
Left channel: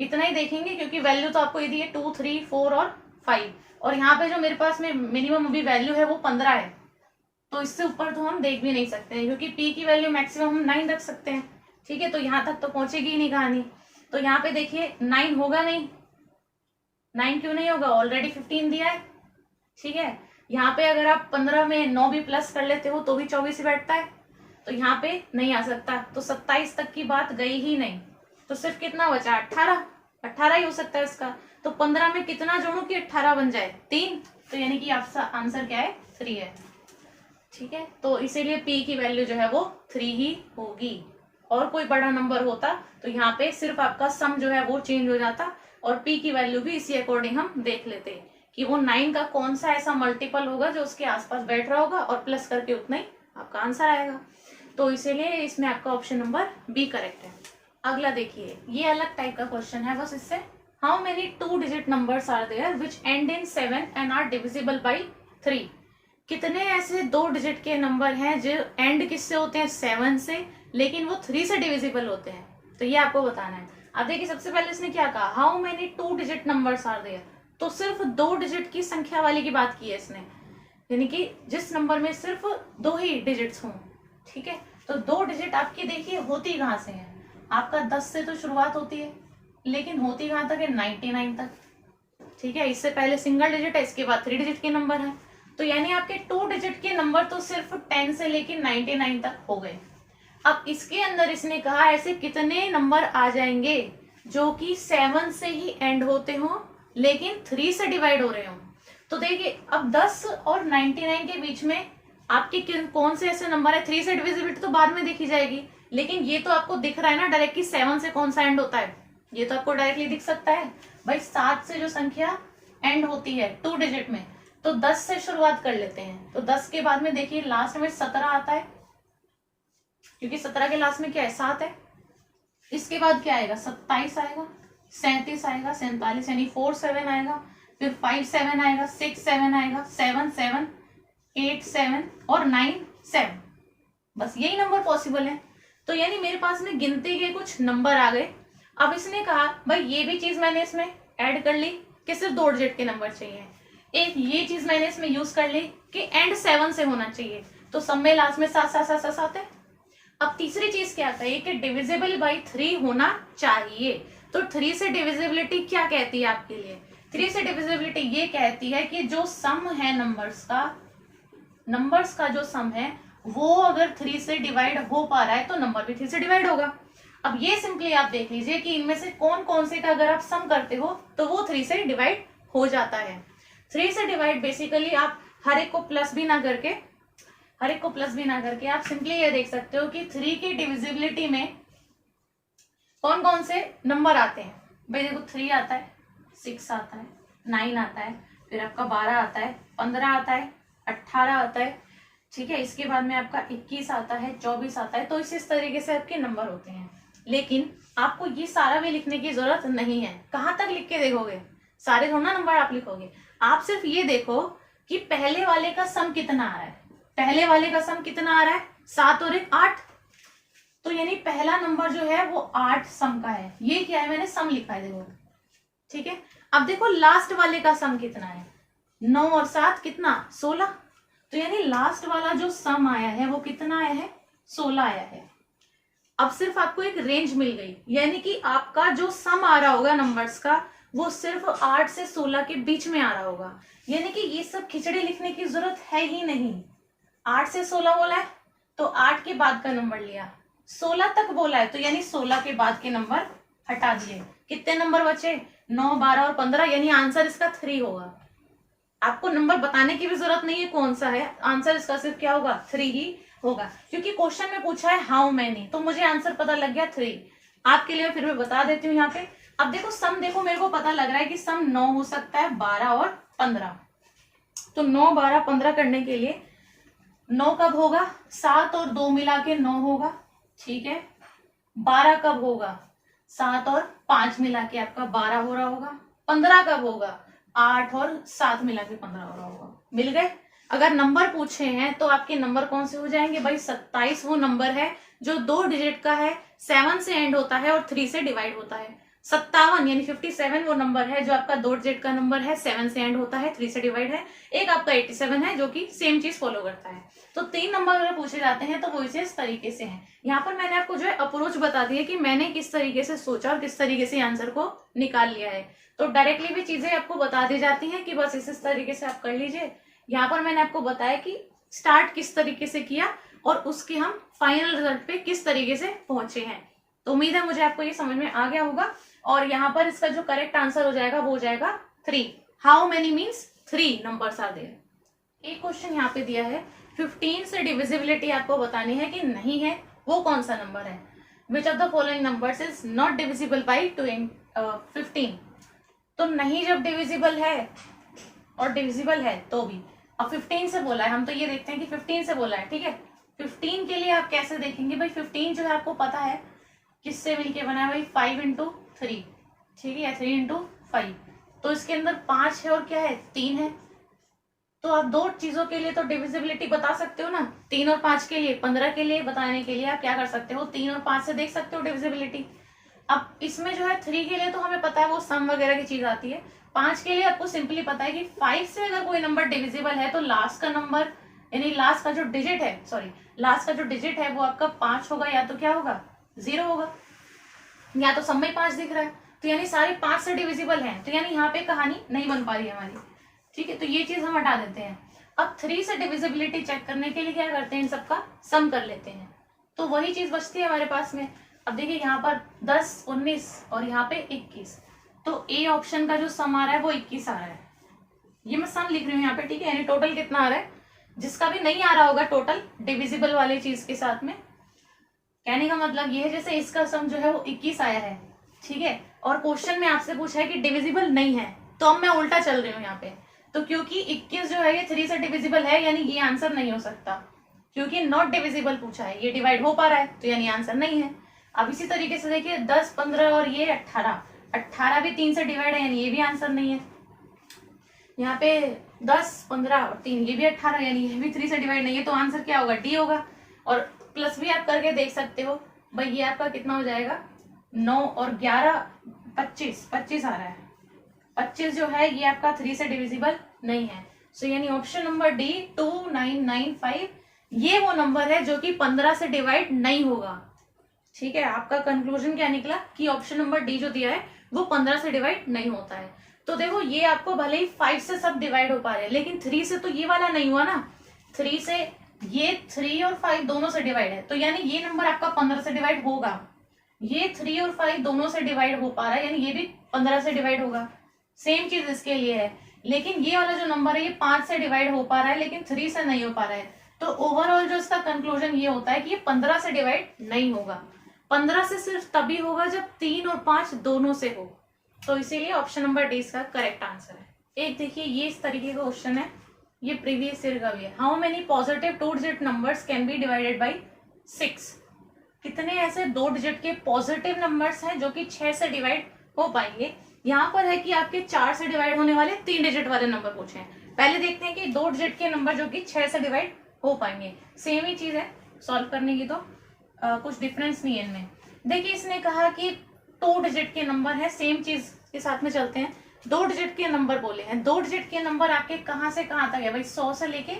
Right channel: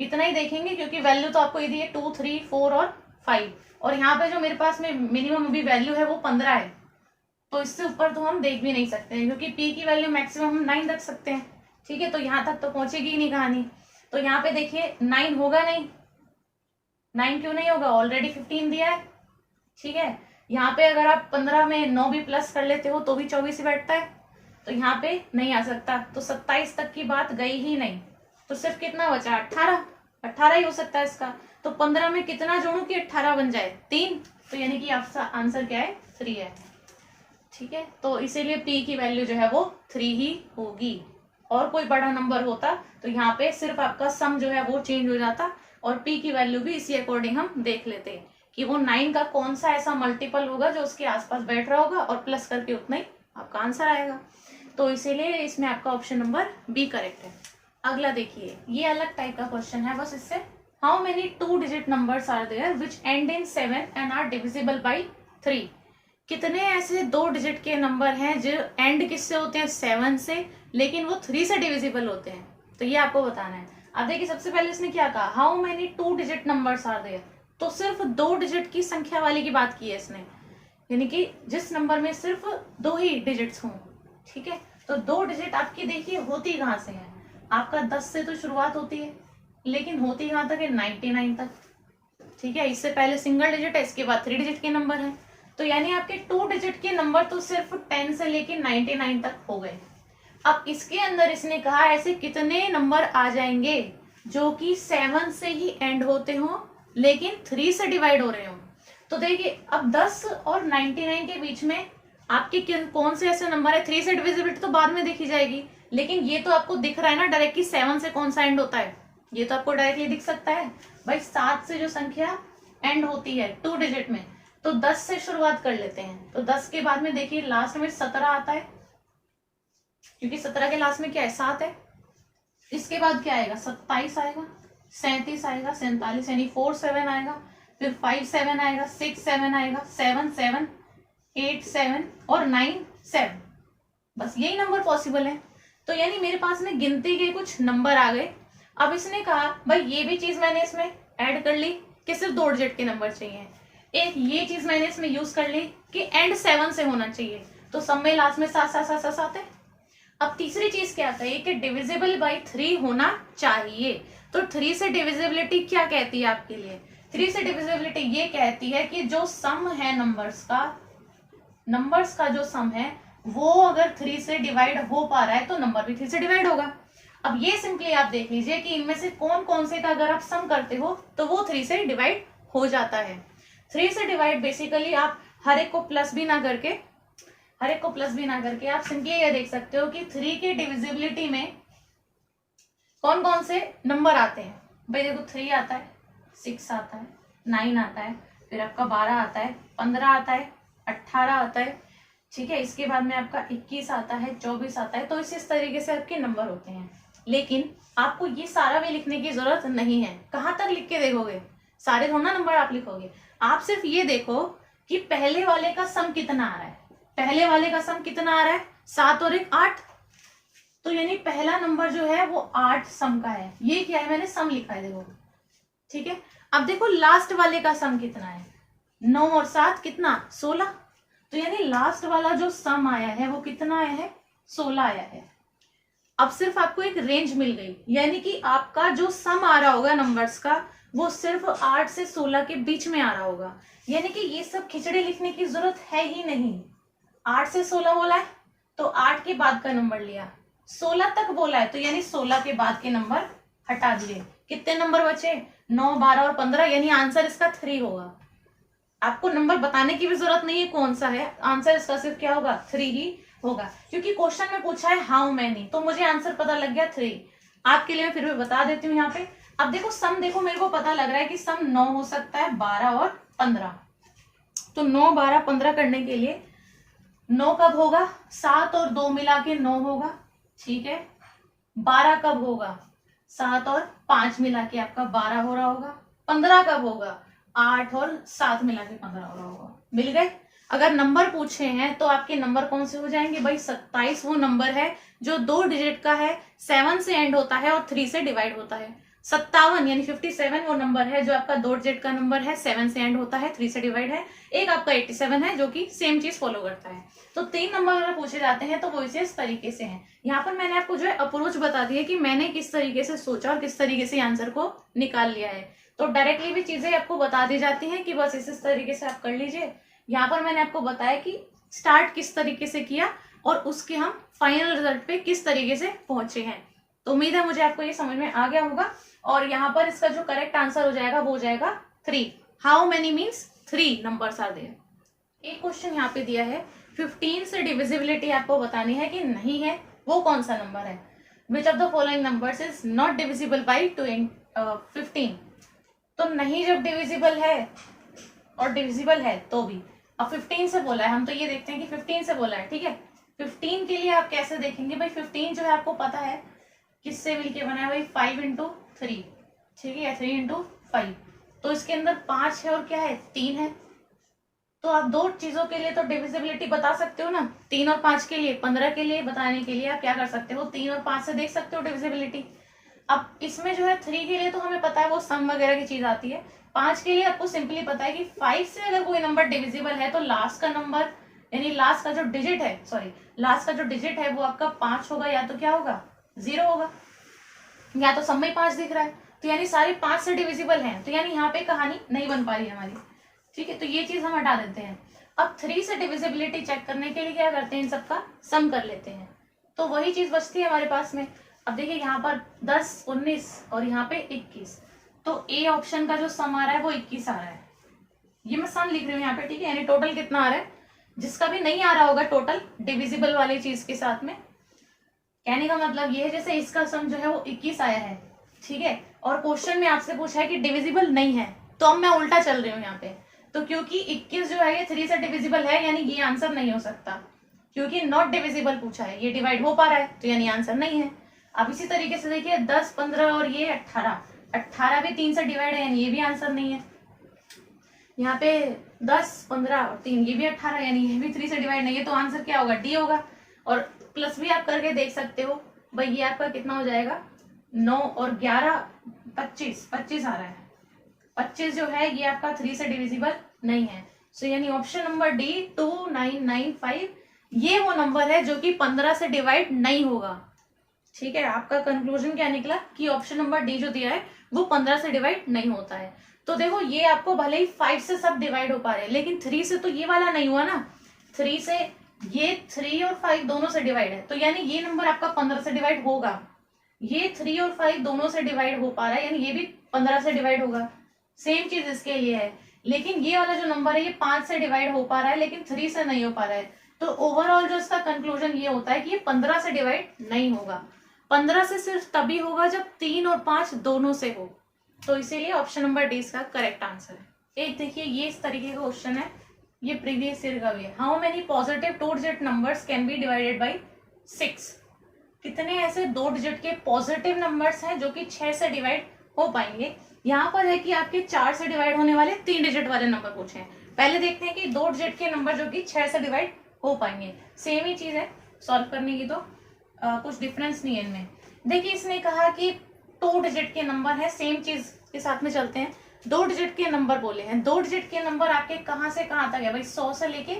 इतना ही देखेंगे क्योंकि वैल्यू तो आपको ये दी है 2, 3, 4 और 5, और यहाँ पे जो मेरे पास में मिनिमम अभी वैल्यू है वो 15 है, तो इससे ऊपर तो हम देख भी नहीं सकते हैं क्योंकि P की वैल्यू मैक्सिमम हम 9 रख सकते हैं, ठीक है। तो यहाँ तक तो पहुंचेगी ही नहीं कहानी। तो यहाँ पे देखिए 9 होगा नहीं, 9 क्यों नहीं होगा, ऑलरेडी 15 दिया है, ठीक है। यहाँ पे अगर आप 15 में 9 भी प्लस कर लेते हो तो भी 24 ही बैठता है, तो यहाँ पे नहीं आ सकता। तो 27 तक की बात गई ही नहीं, तो सिर्फ कितना बचा, 18 ही हो सकता है इसका। तो 15 में कितना जोड़ू कि 18 बन जाए, 3। तो यानी कि आपका आंसर क्या है, 3 है, ठीक है। तो इसीलिए P की वैल्यू जो है वो 3 ही होगी। और कोई बड़ा नंबर होता तो यहाँ पे सिर्फ आपका सम जो है वो चेंज हो जाता और P की वैल्यू भी इसी अकॉर्डिंग हम देख लेते कि वो 9 का कौन सा ऐसा मल्टीपल होगा जो उसके आसपास बैठ रहा होगा और प्लस करके उतना ही आपका आंसर आएगा। तो इसीलिए इसमें आपका ऑप्शन नंबर बी करेक्ट है। अगला देखिए, ये अलग टाइप का क्वेश्चन है बस इससे। How many 2 digit numbers are there which end in 7 and are divisible by 3? कितने ऐसे 2 डिजिट के नंबर हैं जो एंड किससे होते हैं, 7 से, लेकिन वो 3 से डिविजिबल होते हैं? तो ये आपको बताना है। अब देखिए सबसे पहले इसने क्या कहा, how many 2 digit numbers are there, तो सिर्फ 2 डिजिट की संख्या वाले की बात की है इसने, यानी कि जिस नंबर में सिर्फ 2 ही डिजिट्स हों, ठीक है। तो 2 डिजिट आपकी देखिए होती कहाँ से है, आपका 10 से तो शुरुआत होती है, लेकिन होती कहाँ तक है, 99 तक, ठीक है। इससे पहले सिंगल डिजिट है, इसके बाद 3 डिजिट के नंबर है। तो यानी आपके 2 डिजिट के नंबर तो सिर्फ 10 से लेकर 99 तक हो गए। अब इसके अंदर इसने कहा ऐसे कितने नंबर आ जाएंगे जो कि 7 से ही एंड होते हो लेकिन 3 से डिवाइड हो रहे हो। तो देखिए अब 10 और 99 के बीच में आपके कौन से ऐसे नंबर है, 3 से डिविजिबिलिटी तो बाद में देखी जाएगी, लेकिन ये तो आपको दिख रहा है ना डायरेक्ट कि 7 से कौन सा एंड होता है, ये तो आपको डायरेक्टली दिख सकता है भाई। 7 से जो संख्या एंड होती है 2 डिजिट में, तो 10 से शुरुआत कर लेते हैं। तो 10 के बाद में देखिए लास्ट में 17 आता है, क्योंकि 17 के लास्ट में क्या है 7 है। इसके बाद क्या आएगा 27 आएगा, 37 आएगा, 47 यानी 4 7 आएगा, फिर 5 7 आएगा, 6 7 आएगा, 7 7, 8 7 और 9 7। बस यही नंबर पॉसिबल है। तो यानी मेरे पास में गिनती के कुछ नंबर आ गए। अब इसने कहा भाई ये भी चीज मैंने इसमें ऐड कर ली कि सिर्फ 2 डिजिट के नंबर चाहिए, एक ये चीज मैंने इसमें यूज कर ली कि एंड 7 से होना चाहिए, तो सब में लास्ट में 7 7 7 7 है। अब तीसरी चीज क्या है कि डिविजिबल बाई 3 होना चाहिए। तो 3 से डिविजिबिलिटी क्या कहती है आपके लिए, 3 से डिविजिबिलिटी ये कहती है कि जो सम है नंबर्स का जो सम है वो अगर 3 से डिवाइड हो पा रहा है तो नंबर भी 3 से डिवाइड होगा। अब ये सिंपली आप देख लीजिए कि इनमें से कौन कौन से का अगर आप सम करते हो तो वो 3 से डिवाइड हो जाता है। 3 से डिवाइड बेसिकली आप हर एक को प्लस भी ना करके आप सिंपली ये देख सकते हो कि 3 की डिविजिबिलिटी में कौन कौन से नंबर आते हैं। भाई देखो 3 आता है, 6 आता है, 9 आता है, फिर आपका 12 आता है, 15 आता है, 18 आता है, ठीक है। इसके बाद में आपका 21 आता है, 24 आता है। तो इस तरीके से आपके नंबर होते हैं। लेकिन आपको ये सारा भी लिखने की जरूरत नहीं है। कहाँ तक लिख के देखोगे, सारे थोड़ा नंबर आप लिखोगे। आप सिर्फ ये देखो कि पहले वाले का सम कितना आ रहा है। पहले वाले का सम कितना आ रहा है 7 और 1 8, तो यानी पहला नंबर जो है वो 8 सम का है। ये क्या है मैंने सम लिखा है देखो, ठीक है। अब देखो लास्ट वाले का सम कितना है 9 और 7 कितना 16, तो यानी लास्ट वाला जो सम आया है वो कितना आया है 16 आया है। अब सिर्फ आपको एक रेंज मिल गई, यानी कि आपका जो सम आ रहा होगा नंबर्स का वो सिर्फ 8 से 16 के बीच में आ रहा होगा। यानी कि ये सब खिचड़ी लिखने की जरूरत है ही नहीं। 8 से 16 बोला है तो 8 के बाद का नंबर लिया, 16 तक बोला है तो यानी 16 के बाद के नंबर हटा दिए। कितने नंबर बचे 9 12 और 15, यानी आंसर इसका 3 होगा। आपको नंबर बताने की भी जरूरत नहीं है कौन सा है, आंसर इसका सिर्फ क्या होगा 3 ही होगा। क्योंकि क्वेश्चन में पूछा है हाउ मैनी, तो मुझे आंसर पता लग गया 3। आपके लिए फिर मैं बता देती हूँ यहाँ पे। अब देखो सम, देखो मेरे को पता लग रहा है कि सम 9 हो सकता है 12 और 15। तो 9 12 15 करने के लिए 9 कब होगा 7 और 2 मिला के 9 होगा, ठीक है। 12 कब होगा 7 और 5 मिला के आपका 12 हो रहा होगा। 15 कब होगा 8 और 7 मिला के 15 हो रहा होगा। मिल गए। अगर नंबर पूछे हैं तो आपके नंबर कौन से हो जाएंगे भाई 27 वो नंबर है जो 2 डिजिट का है, 7 से एंड होता है और 3 से डिवाइड होता है। 57 यानी 57 वो नंबर है जो आपका 2 डिजिट का नंबर है, 7 से एंड होता है, 3 से डिवाइड है। एक आपका 87 है जो कि सेम चीज फॉलो करता है। तो 3 नंबर अगर पूछे जाते हैं तो वो इस तरीके से हैं। यहाँ पर मैंने आपको जो है अप्रोच बता दी है कि मैंने किस तरीके से सोचा और किस तरीके से आंसर को निकाल लिया है। तो डायरेक्टली भी चीजें आपको बता दी जाती हैं कि बस इस तरीके से आप कर लीजिए। यहाँ पर मैंने आपको बताया कि स्टार्ट किस तरीके से किया और उसके हम फाइनल रिजल्ट पे किस तरीके से पहुंचे हैं। तो उम्मीद है मुझे आपको ये समझ में आ गया होगा। और यहाँ पर इसका जो करेक्ट आंसर हो जाएगा वो हो जाएगा 3। How many means 3 numbers are there. एक क्वेश्चन यहाँ पे दिया है 15 से डिविजिबिलिटी आपको बतानी है कि नहीं है, वो कौन सा नंबर है। Which of the following numbers is not divisible by 15। तो नहीं जब डिविजिबल है और डिविजिबल है तो भी। अब 15 से बोला है, हम तो ये देखते हैं कि 15 से बोला है, ठीक है। 15 के लिए आप कैसे देखेंगे भाई, 15 जो है आपको पता है किससे मिलके बना है भाई 5 into 3, ठीक है, 3 into 5। तो इसके अंदर 5 है और क्या है 3 है। तो आप 2 चीजों के लिए तो डिविजिबिलिटी बता सकते हो ना, 3 और 5 के लिए। 15 के लिए बताने के लिए आप क्या कर सकते हो 3 और 5 से देख सकते हो डिविजिबिलिटी। अब इसमें जो है 3 के लिए तो हमें पता है वो सम वगैरह की चीज आती है। 5 के लिए आपको सिंपली पता है कि 5 से अगर कोई नंबर डिविजिबल है तो लास्ट का नंबर यानी लास्ट का जो डिजिट है वो आपका 5 होगा या तो क्या होगा 0 होगा, या तो सब में 5 दिख रहा है। तो यानी सारे 5 से डिविजिबल हैं, तो यानी यहाँ पे कहानी नहीं बन पा रही है हमारी, ठीक है। तो ये चीज हम हटा देते हैं। अब 3 से डिविजिबिलिटी चेक करने के लिए क्या करते हैं, इन सबका सम कर लेते हैं, तो वही चीज बचती है हमारे पास में। अब देखिए यहाँ पर 10 19 और यहाँ पे 21, तो ए ऑप्शन का जो सम आ रहा है वो 21 आ रहा है। ये मैं सम लिख रही हूँ यहाँ पे, ठीक है, यानी टोटल कितना आ रहा है, जिसका भी नहीं आ रहा होगा टोटल डिविजिबल वाली चीज के साथ में, कहने का मतलब ये है जैसे इसका सम जो है वो 21 आया है, ठीक है, और क्वेश्चन में आपसे पूछा है कि डिविजिबल नहीं है, तो अब मैं उल्टा चल रही हूँ यहाँ पे, तो क्योंकि 21 जो है ये 3 से डिविजिबल है, यानी ये आंसर नहीं हो सकता, क्योंकि नॉट डिविजिबल पूछा है, ये डिवाइड हो पा रहा है, तो यानी आंसर नहीं है। अब इसी तरीके से देखिए 10, 15 और ये 18, 18 भी 3 से डिवाइड है, यानी ये भी आंसर नहीं है। यहाँ पे 10, 15 और 3, ये भी 18, यानी ये भी 3 से डिवाइड नहीं है, तो आंसर क्या होगा, डी होगा। और प्लस भी आप करके देख सकते हो भाई, ये आपका कितना हो जाएगा, 9 और 11, 25, 25 आ रहा है, 25 जो है ये आपका 3 से डिविजिबल नहीं है। सो यानी ऑप्शन नंबर डी 2995 ये वो नंबर है जो कि 15 से डिवाइड नहीं होगा, ठीक है। आपका कंक्लूजन क्या निकला कि ऑप्शन नंबर डी जो दिया है वो 15 से डिवाइड नहीं होता है। तो देखो ये आपको भले ही 5 से सब डिवाइड हो पा रहे हैं, लेकिन 3 से तो ये वाला नहीं हुआ ना, 3 से ये 3 और 5 दोनों से डिवाइड है, तो यानी ये नंबर आपका 15 से डिवाइड होगा। ये 3 और 5 दोनों से डिवाइड हो पा रहा है, यानी ये भी 15 से डिवाइड होगा। सेम चीज इसके लिए है, लेकिन ये वाला जो नंबर है ये 5 से डिवाइड हो पा रहा है, लेकिन 3 से नहीं हो पा रहा है। तो ओवरऑल जो इसका कंक्लूजन ये होता है कि ये 15 से डिवाइड नहीं होगा। 15 से सिर्फ तभी होगा जब 3 और 5 दोनों से हो, तो इसीलिए ऑप्शन नंबर डी इसका करेक्ट आंसर है। एक देखिए ये इस तरीके का क्वेश्चन है, ये प्रीवियस ईयर का भी है। How many positive 2 digit numbers can be divided by 6? कितने ऐसे 2 डिजिट के पॉजिटिव नंबर्स हैं जो कि 6 से डिवाइड हो पाएंगे। यहाँ पर है कि आपके 4 से डिवाइड होने वाले 3 डिजिट वाले नंबर पूछे हैं। पहले देखते हैं कि 2 डिजिट के नंबर जो कि 6 से डिवाइड हो पाएंगे। सेम ही चीज है सॉल्व करने की, तो कुछ डिफरेंस नहीं है इनमें। देखिए इसने कहा कि 2 डिजिट के नंबर है, सेम चीज के साथ में चलते हैं। 2 डिजिट के नंबर बोले हैं, 2 डिजिट के नंबर आपके कहाँ से कहाँ तक है भाई, 100 से लेके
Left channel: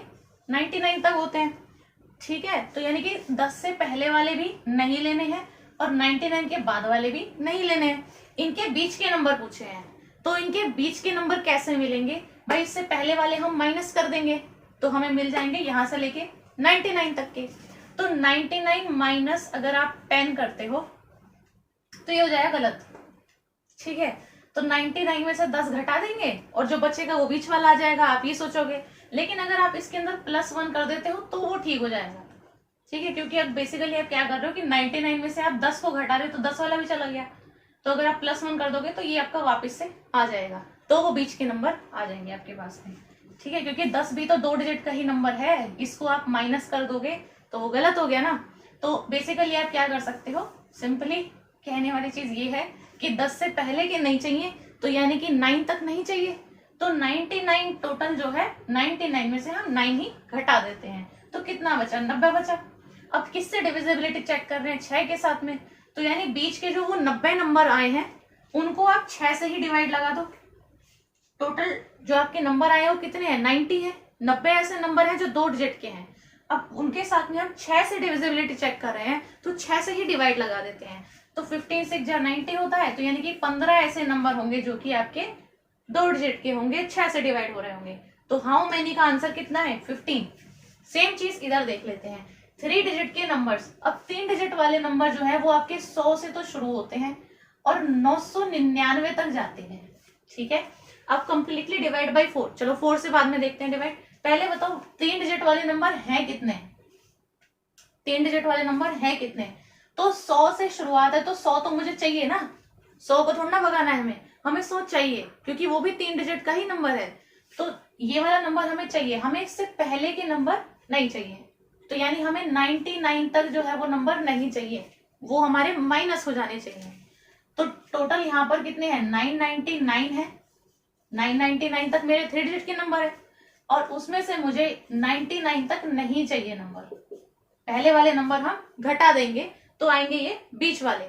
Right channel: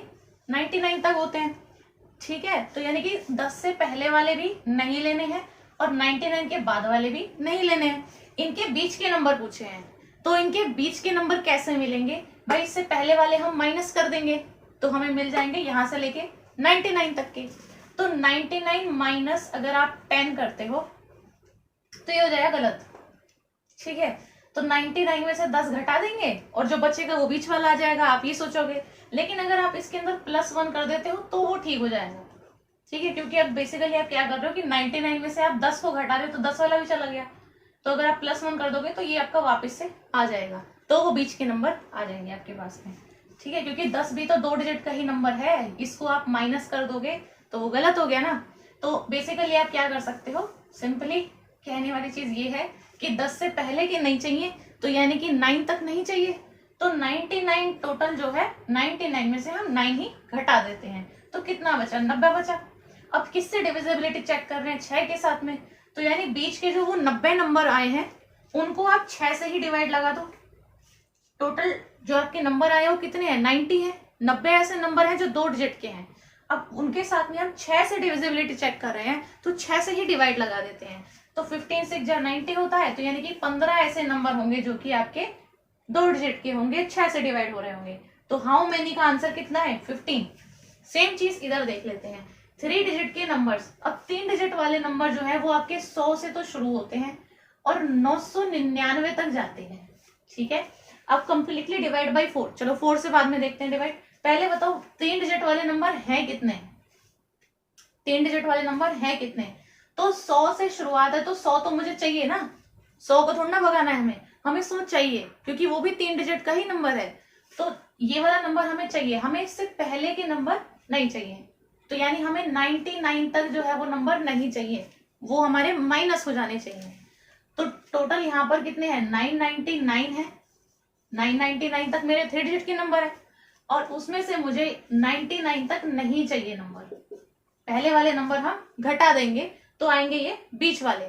99 तक होते हैं, ठीक है। तो यानी कि 10 से पहले वाले भी नहीं लेने हैं और 99 के बाद वाले भी नहीं लेने हैं। इनके बीच के नंबर पूछे हैं, तो इनके बीच के नंबर कैसे मिलेंगे भाई, इससे पहले वाले हम माइनस कर देंगे तो हमें मिल जाएंगे यहां से लेके 99 तक के। तो 99 माइनस अगर आप 10 करते हो तो ये हो जाएगा गलत, ठीक है। तो 99 में से 10 घटा देंगे और जो बचेगा वो बीच वाला आ जाएगा, आप ये सोचोगे। लेकिन अगर आप इसके अंदर +1 कर देते हो तो वो ठीक हो जाएगा, ठीक है, क्योंकि अब बेसिकली आप क्या कर रहे हो कि 99 में से आप 10 को घटा रहे हो तो 10 वाला भी चला गया। तो अगर आप +1 कर दोगे तो ये आपका वापस से आ जाएगा, तो वो बीच के नंबर आ जाएंगे आपके पास में, ठीक है। क्योंकि 10 भी तो 2 डिजिट का ही नंबर है, इसको आप माइनस कर दोगे तो वो गलत हो गया ना। तो बेसिकली आप क्या कर सकते हो, सिंपली कहने वाली चीज ये है कि 10 से पहले के नहीं चाहिए, तो यानी कि 9 तक नहीं चाहिए, तो 99 टोटल जो है 99 में से हम 9 ही घटा देते हैं, तो कितना बचा, 90 बचा। अब किससे डिविजिबिलिटी चेक कर रहे हैं, 6 के साथ में, तो यानी बीच के जो वो 90 नंबर आए हैं उनको आप 6 से ही डिवाइड लगा दो। टोटल जो आपके नंबर आए वो कितने हैं, 90 है। 90 ऐसे नंबर हैं जो 2 डिजिट के हैं, अब उनके साथ में हम 6 से डिविजिबिलिटी चेक कर रहे हैं तो 6 से ही डिवाइड लगा देते हैं। तो 15 6 जा 90 होता है, तो यानी कि 15 ऐसे नंबर होंगे जो कि आपके 2 डिजिट के होंगे, 6 से डिवाइड हो रहे होंगे। तो हाउ मेनी का आंसर कितना है, 15। सेम चीज इधर देख लेते हैं, 3 डिजिट के नंबर्स। अब 3 डिजिट वाले नंबर जो है वो आपके 100 से तो शुरू होते हैं और 999 तक जाते हैं, ठीक है। अब कंप्लीटली डिवाइड बाई 4, चलो 4 से बाद में देखते हैं डिवाइड। पहले बताओ 3 डिजिट वाले नंबर हैं कितने, 3 डिजिट वाले नंबर हैं कितने, तो 100 से शुरुआत है, तो 100 तो मुझे चाहिए ना, 100 को थोड़ा ना भगाना है हमें 100 चाहिए, क्योंकि वो भी 3 डिजिट का ही नंबर है। तो ये वाला नंबर हमें चाहिए, हमें इससे पहले के नंबर नहीं चाहिए, तो यानी हमें 99 तक जो है वो नंबर नहीं चाहिए, वो हमारे माइनस हो जाने चाहिए। तो टोटल यहाँ पर कितने हैं, 999 है, 999 तक मेरे 3 डिजिट के नंबर है, और उसमें से मुझे 99 तक नहीं चाहिए नंबर, पहले वाले नंबर हम घटा देंगे तो आएंगे ये बीच वाले,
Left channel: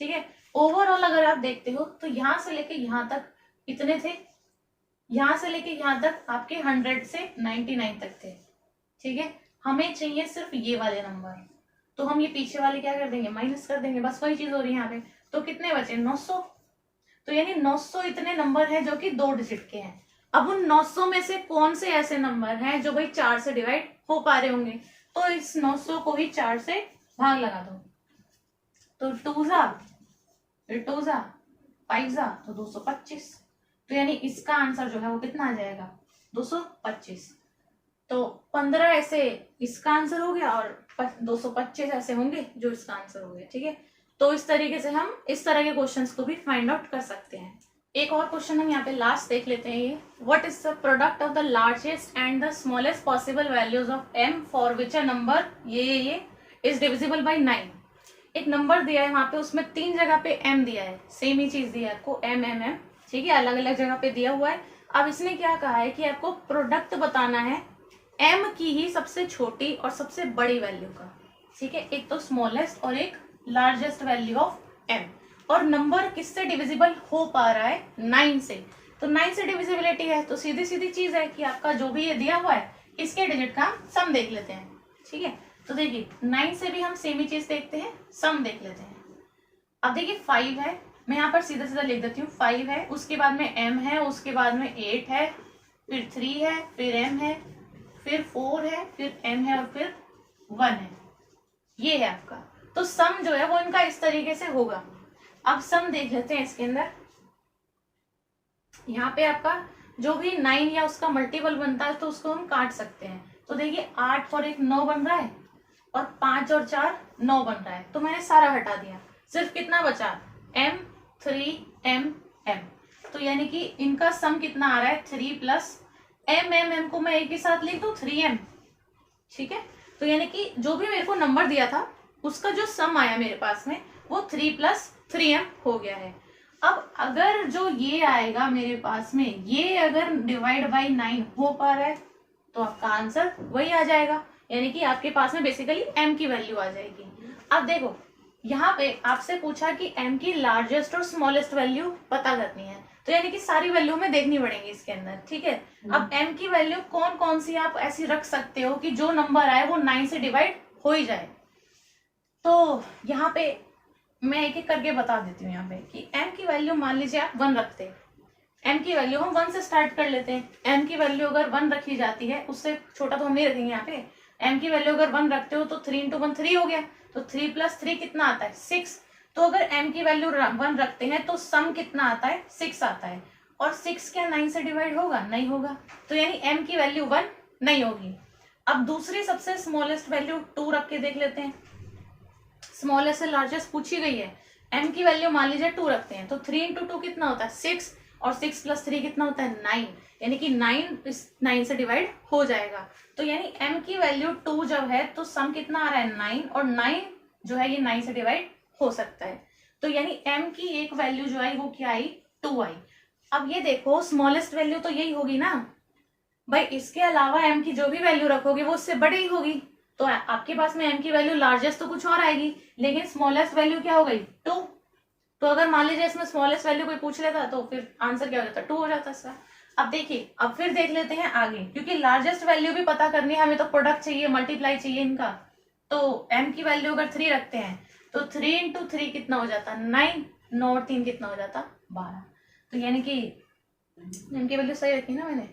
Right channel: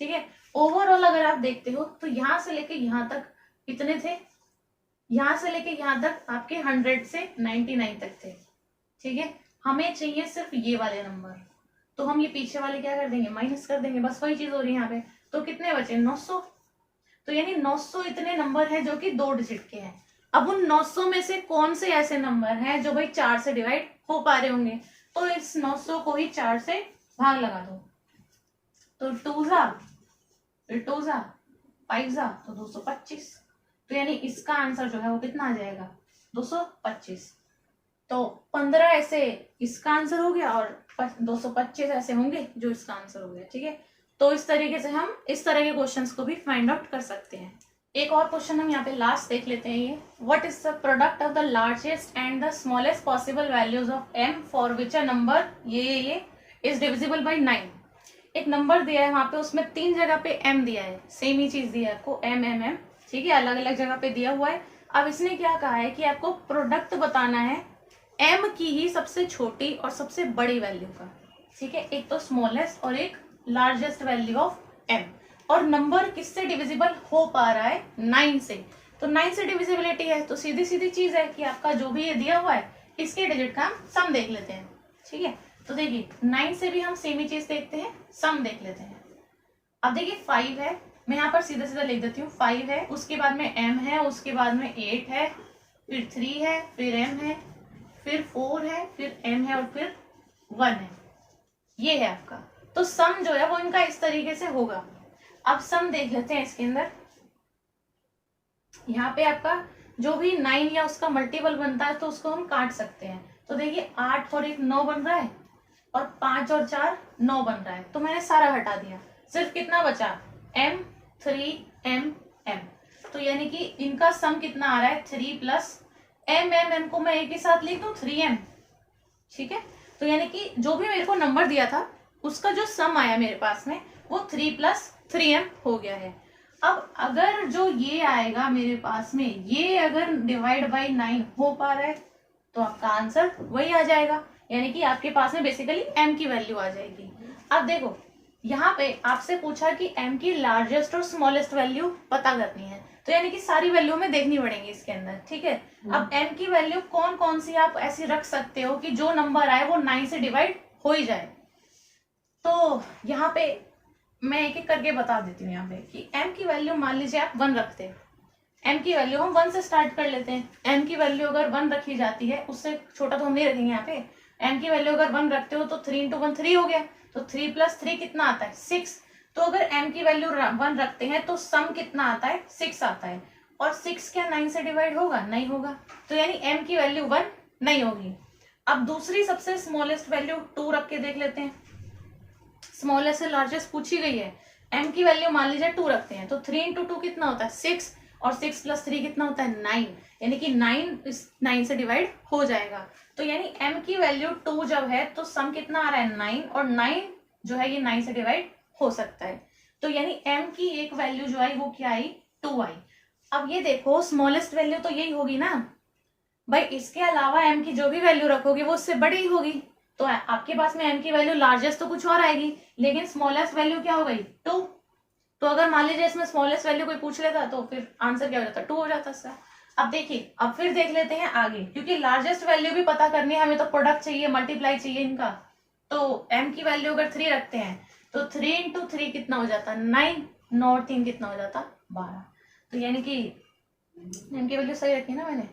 ठीक है। ओवरऑल अगर आप देखते हो तो यहां से लेके यहां तक कितने थे, यहां से लेके यहां तक आपके 100 से 99 तक थे, ठीक है। हमें चाहिए सिर्फ ये वाले नंबर, तो हम ये पीछे वाले क्या कर देंगे, माइनस कर देंगे, बस वही चीज हो रही है यहाँ पे। तो कितने बचे, 900, तो यानी 900 इतने नंबर हैं जो कि 2 डिजिट के हैं। अब उन 900 में से कौन से ऐसे नंबर हैं जो भाई 4 से डिवाइड हो पा रहे होंगे, तो इस 900 को ही 4 से भाग लगा दो, तो 2 जा 5 जा तो 225, तो यानी इसका आंसर जो है वो कितना आ जाएगा, 225। तो 15 ऐसे इसका आंसर हो गया और 225 ऐसे होंगे जो इसका आंसर हो गया। ठीक है, तो इस तरीके से हम इस तरह के क्वेश्चंस को भी फाइंड आउट कर सकते हैं। एक और क्वेश्चन हम यहाँ पे लास्ट देख लेते हैं। ये what is the product of the largest and the smallest possible values of m for which a number ये इज डिविजिबल बाय 9। एक नंबर दिया है वहां पे, उसमें 3 जगह पे m दिया है, सेम ही चीज दिया है आपको m। ठीक है, अलग अलग जगह पे दिया हुआ है। अब इसने क्या कहा है कि आपको प्रोडक्ट बताना है m की ही सबसे छोटी और सबसे बड़ी वैल्यू का। ठीक है, एक तो स्मॉलेस्ट और एक लार्जेस्ट वैल्यू ऑफ m। और नंबर किससे डिविजिबल हो पा रहा है? 9 से। तो 9 से डिविजिबिलिटी है, तो सीधी सीधी चीज है कि आपका जो भी ये दिया हुआ है इसके डिजिट का सम देख लेते हैं। ठीक है, तो देखिए 9 से भी हम सेम ही चीज देखते हैं, सम देख लेते हैं। अब देखिए 5 है, मैं यहाँ पर सीधा सीधा लिख देती हूँ। 5 है, उसके बाद में m है, उसके बाद में 8 है, फिर 3 है, फिर m है, फिर 4 है, फिर m है और फिर 1 है। ये है आपका। तो सम जो है वो इनका इस तरीके से होगा। अब सम देख लेते हैं इसके अंदर। यहाँ पे आपका जो भी 9 या उसका मल्टीपल बनता है तो उसको हम काट सकते हैं। तो देखिए 8 और 1 9 बन रहा है और 5 और 4 9 बन रहा है। तो मैंने सारा हटा दिया, सिर्फ कितना बचा? m 3 m m। तो यानी कि इनका सम कितना आ रहा है? 3 प्लस m को मैं एक ही साथ लिख दूं 3m। ठीक है, तो यानी कि जो भी मेरे को नंबर दिया था उसका जो सम आया मेरे पास में वो 3 प्लस 3m हो गया है। अब अगर जो ये आएगा मेरे पास में, ये अगर डिवाइड बाई 9 हो पा रहा है तो आपका आंसर वही आ जाएगा, यानी कि आपके पास में बेसिकली m की वैल्यू आ जाएगी। अब देखो यहाँ पे आपसे पूछा कि m की लार्जेस्ट और स्मॉलेस्ट वैल्यू पता करनी है, तो यानी कि सारी वैल्यू में देखनी पड़ेगी इसके अंदर। ठीक है, अब m की वैल्यू कौन कौन सी आप ऐसी रख सकते हो कि जो नंबर आए वो 9 से डिवाइड हो ही जाए। तो यहाँ पे मैं एक एक करके बता देती हूँ यहाँ पे कि m की वैल्यू मान लीजिए आप 1 रखते हैं। m की वैल्यू हम 1 से स्टार्ट कर लेते हैं। m की वैल्यू अगर 1 रखी जाती है, उससे छोटा तो हम नहीं रखेंगे यहाँ पे। m की वैल्यू अगर 1 रखते हो तो 3 इंटू 1 3 हो गया, तो 3 प्लस 3 कितना आता है? 6। तो अगर m की वैल्यू 1 रखते हैं तो सम कितना आता है? 6 आता है। और 6 क्या 9 से डिवाइड होगा? नहीं होगा, तो यानी m की वैल्यू 1 नहीं होगी। अब दूसरी सबसे स्मॉलेस्ट वैल्यू 2 रख के देख लेते हैं। स्मॉलेस्ट से लार्जेस्ट पूछी गई है, m की वैल्यू मान लीजिए 2 रखते हैं तो 3 इंटू 2 कितना होता है? 6, और 6 प्लस 3 कितना होता है? 9, यानी कि 9 से डिवाइड हो जाएगा। तो यानी m की वैल्यू 2 जब है तो सम कितना आ रहा है? 9, और 9 जो है ये 9 से डिवाइड हो सकता है। तो यानी m की एक वैल्यू जो आई वो क्या आई? 2 आई। अब ये देखो स्मॉलेस्ट वैल्यू तो यही होगी ना भाई, इसके अलावा m की जो भी वैल्यू रखोगे वो उससे बड़ी होगी। तो आपके पास में m की वैल्यू लार्जेस्ट तो कुछ और आएगी, लेकिन स्मॉलेस्ट वैल्यू क्या हो गई? 2। तो अगर मान लीजिए इसमें स्मॉलेस्ट वैल्यू कोई पूछ लेता तो फिर आंसर क्या हो जाता? 2 हो जाता इसका। अब देखिए, अब फिर देख लेते हैं आगे, क्योंकि लार्जेस्ट वैल्यू भी पता करनी है हमें, तो प्रोडक्ट चाहिए, मल्टीप्लाई चाहिए इनका। तो m की वैल्यू अगर 3 रखते हैं तो 3 इंटू 3 कितना हो जाता? 9, 9 और 3 कितना हो जाता? 12। तो यानी कि m की वैल्यू सही रखी ना मैंने?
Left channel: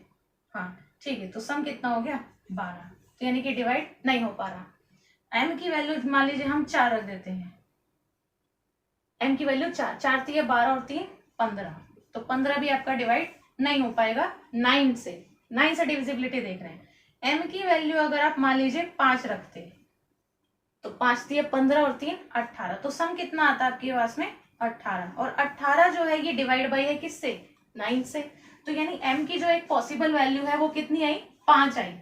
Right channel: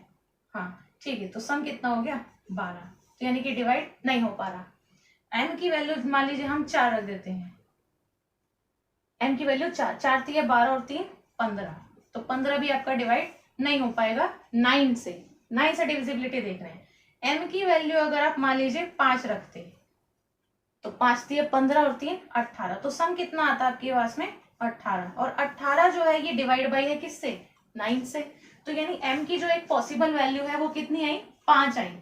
हाँ ठीक है, तो सम कितना हो गया? 12। तो यानी कि डिवाइड नहीं हो पा रहा। m की वैल्यू मान लीजिए हम 4 रख देते हैं। m की वैल्यू 4, 4 3 12 और 3 15, तो 15 भी आपका डिवाइड नहीं हो पाएगा 9 से। 9 से डिविजिबिलिटी देख रहे हैं। m की वैल्यू अगर आप मान लीजिए 5 रखते तो 5 दिए 15 और 3 18, तो सम कितना आता है आपके पास में? 18, और 18 जो है ये डिवाइड बाई है किससे? 9 से। तो यानी m की जो एक पॉसिबल वैल्यू है वो कितनी आई? 5 आई।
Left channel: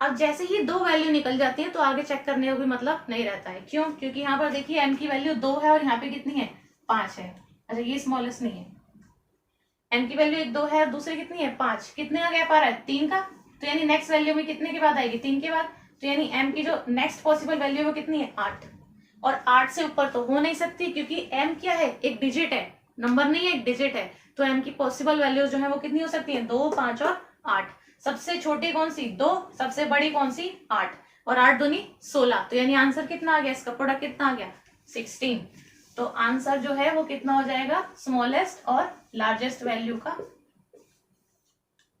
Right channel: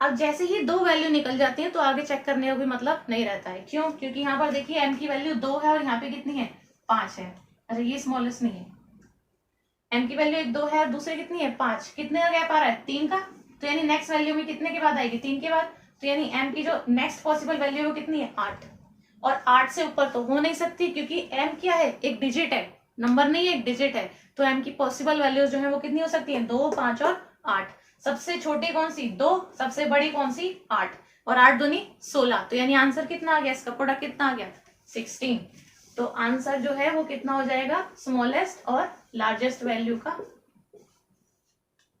अब जैसे ही 2 वैल्यू निकल जाती है तो आगे चेक करने का कोई मतलब नहीं रहता है। क्यों? क्योंकि यहाँ पर देखिए m की वैल्यू 2 है और यहाँ पे कितनी है? 5 है। अच्छा ये स्मॉलेस्ट नहीं है, m की वैल्यू 2 है और दूसरी कितनी है? 5। कितने का गैप आ रहा है? 3 का। तो यानी नेक्स्ट वैल्यू में कितने के बाद आएगी? 3 के बाद। तो यानी m की जो नेक्स्ट पॉसिबल वैल्यू है वो कितनी है? 8। और 8 से ऊपर तो हो नहीं सकती, क्योंकि m क्या है? एक डिजिट है, नंबर नहीं है, एक डिजिट है। तो m की पॉसिबल वैल्यूज जो है वो कितनी हो सकती है? 2, 5 और 8। सबसे छोटी कौन सी? 2, सबसे बड़ी कौन सी? 8, और 8 दूनी 16। तो यानी आंसर कितना आ गया? इसका प्रोडक्ट कितना आ गया? 16। तो आंसर जो है वो कितना हो जाएगा? स्मॉलेस्ट और लार्जेस्ट वैल्यू का,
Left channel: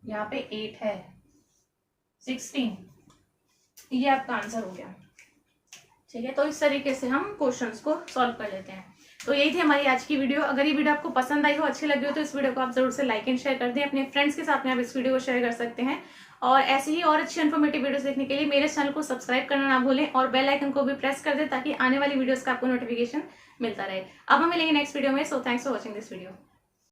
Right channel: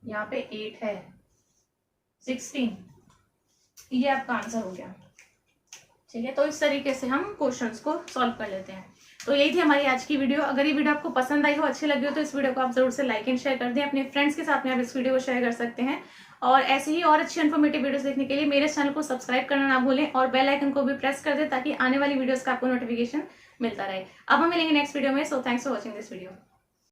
यहाँ पे 8 है, 16, ये आपका आंसर हो गया। ठीक है, तो इस तरीके से हम क्वेश्चंस को सॉल्व कर लेते हैं। तो यही थी हमारी आज की वीडियो। अगर ये वीडियो आपको पसंद आई हो, अच्छी लगी हो, तो इस वीडियो को आप जरूर से लाइक एंड शेयर कर दें। अपने फ्रेंड्स के साथ में आप इस वीडियो को शेयर कर सकते हैं। और ऐसे ही और अच्छी इन्फॉर्मेटिव वीडियोस देखने के लिए मेरे चैनल को सब्सक्राइब करना ना भूलें और बेल आइकन को भी प्रेस कर दें ताकि आने वाली वीडियोस का आपको नोटिफिकेशन मिलता रहे। अब हम मिलेंगे नेक्स्ट वीडियो में। So thanks for watching this video.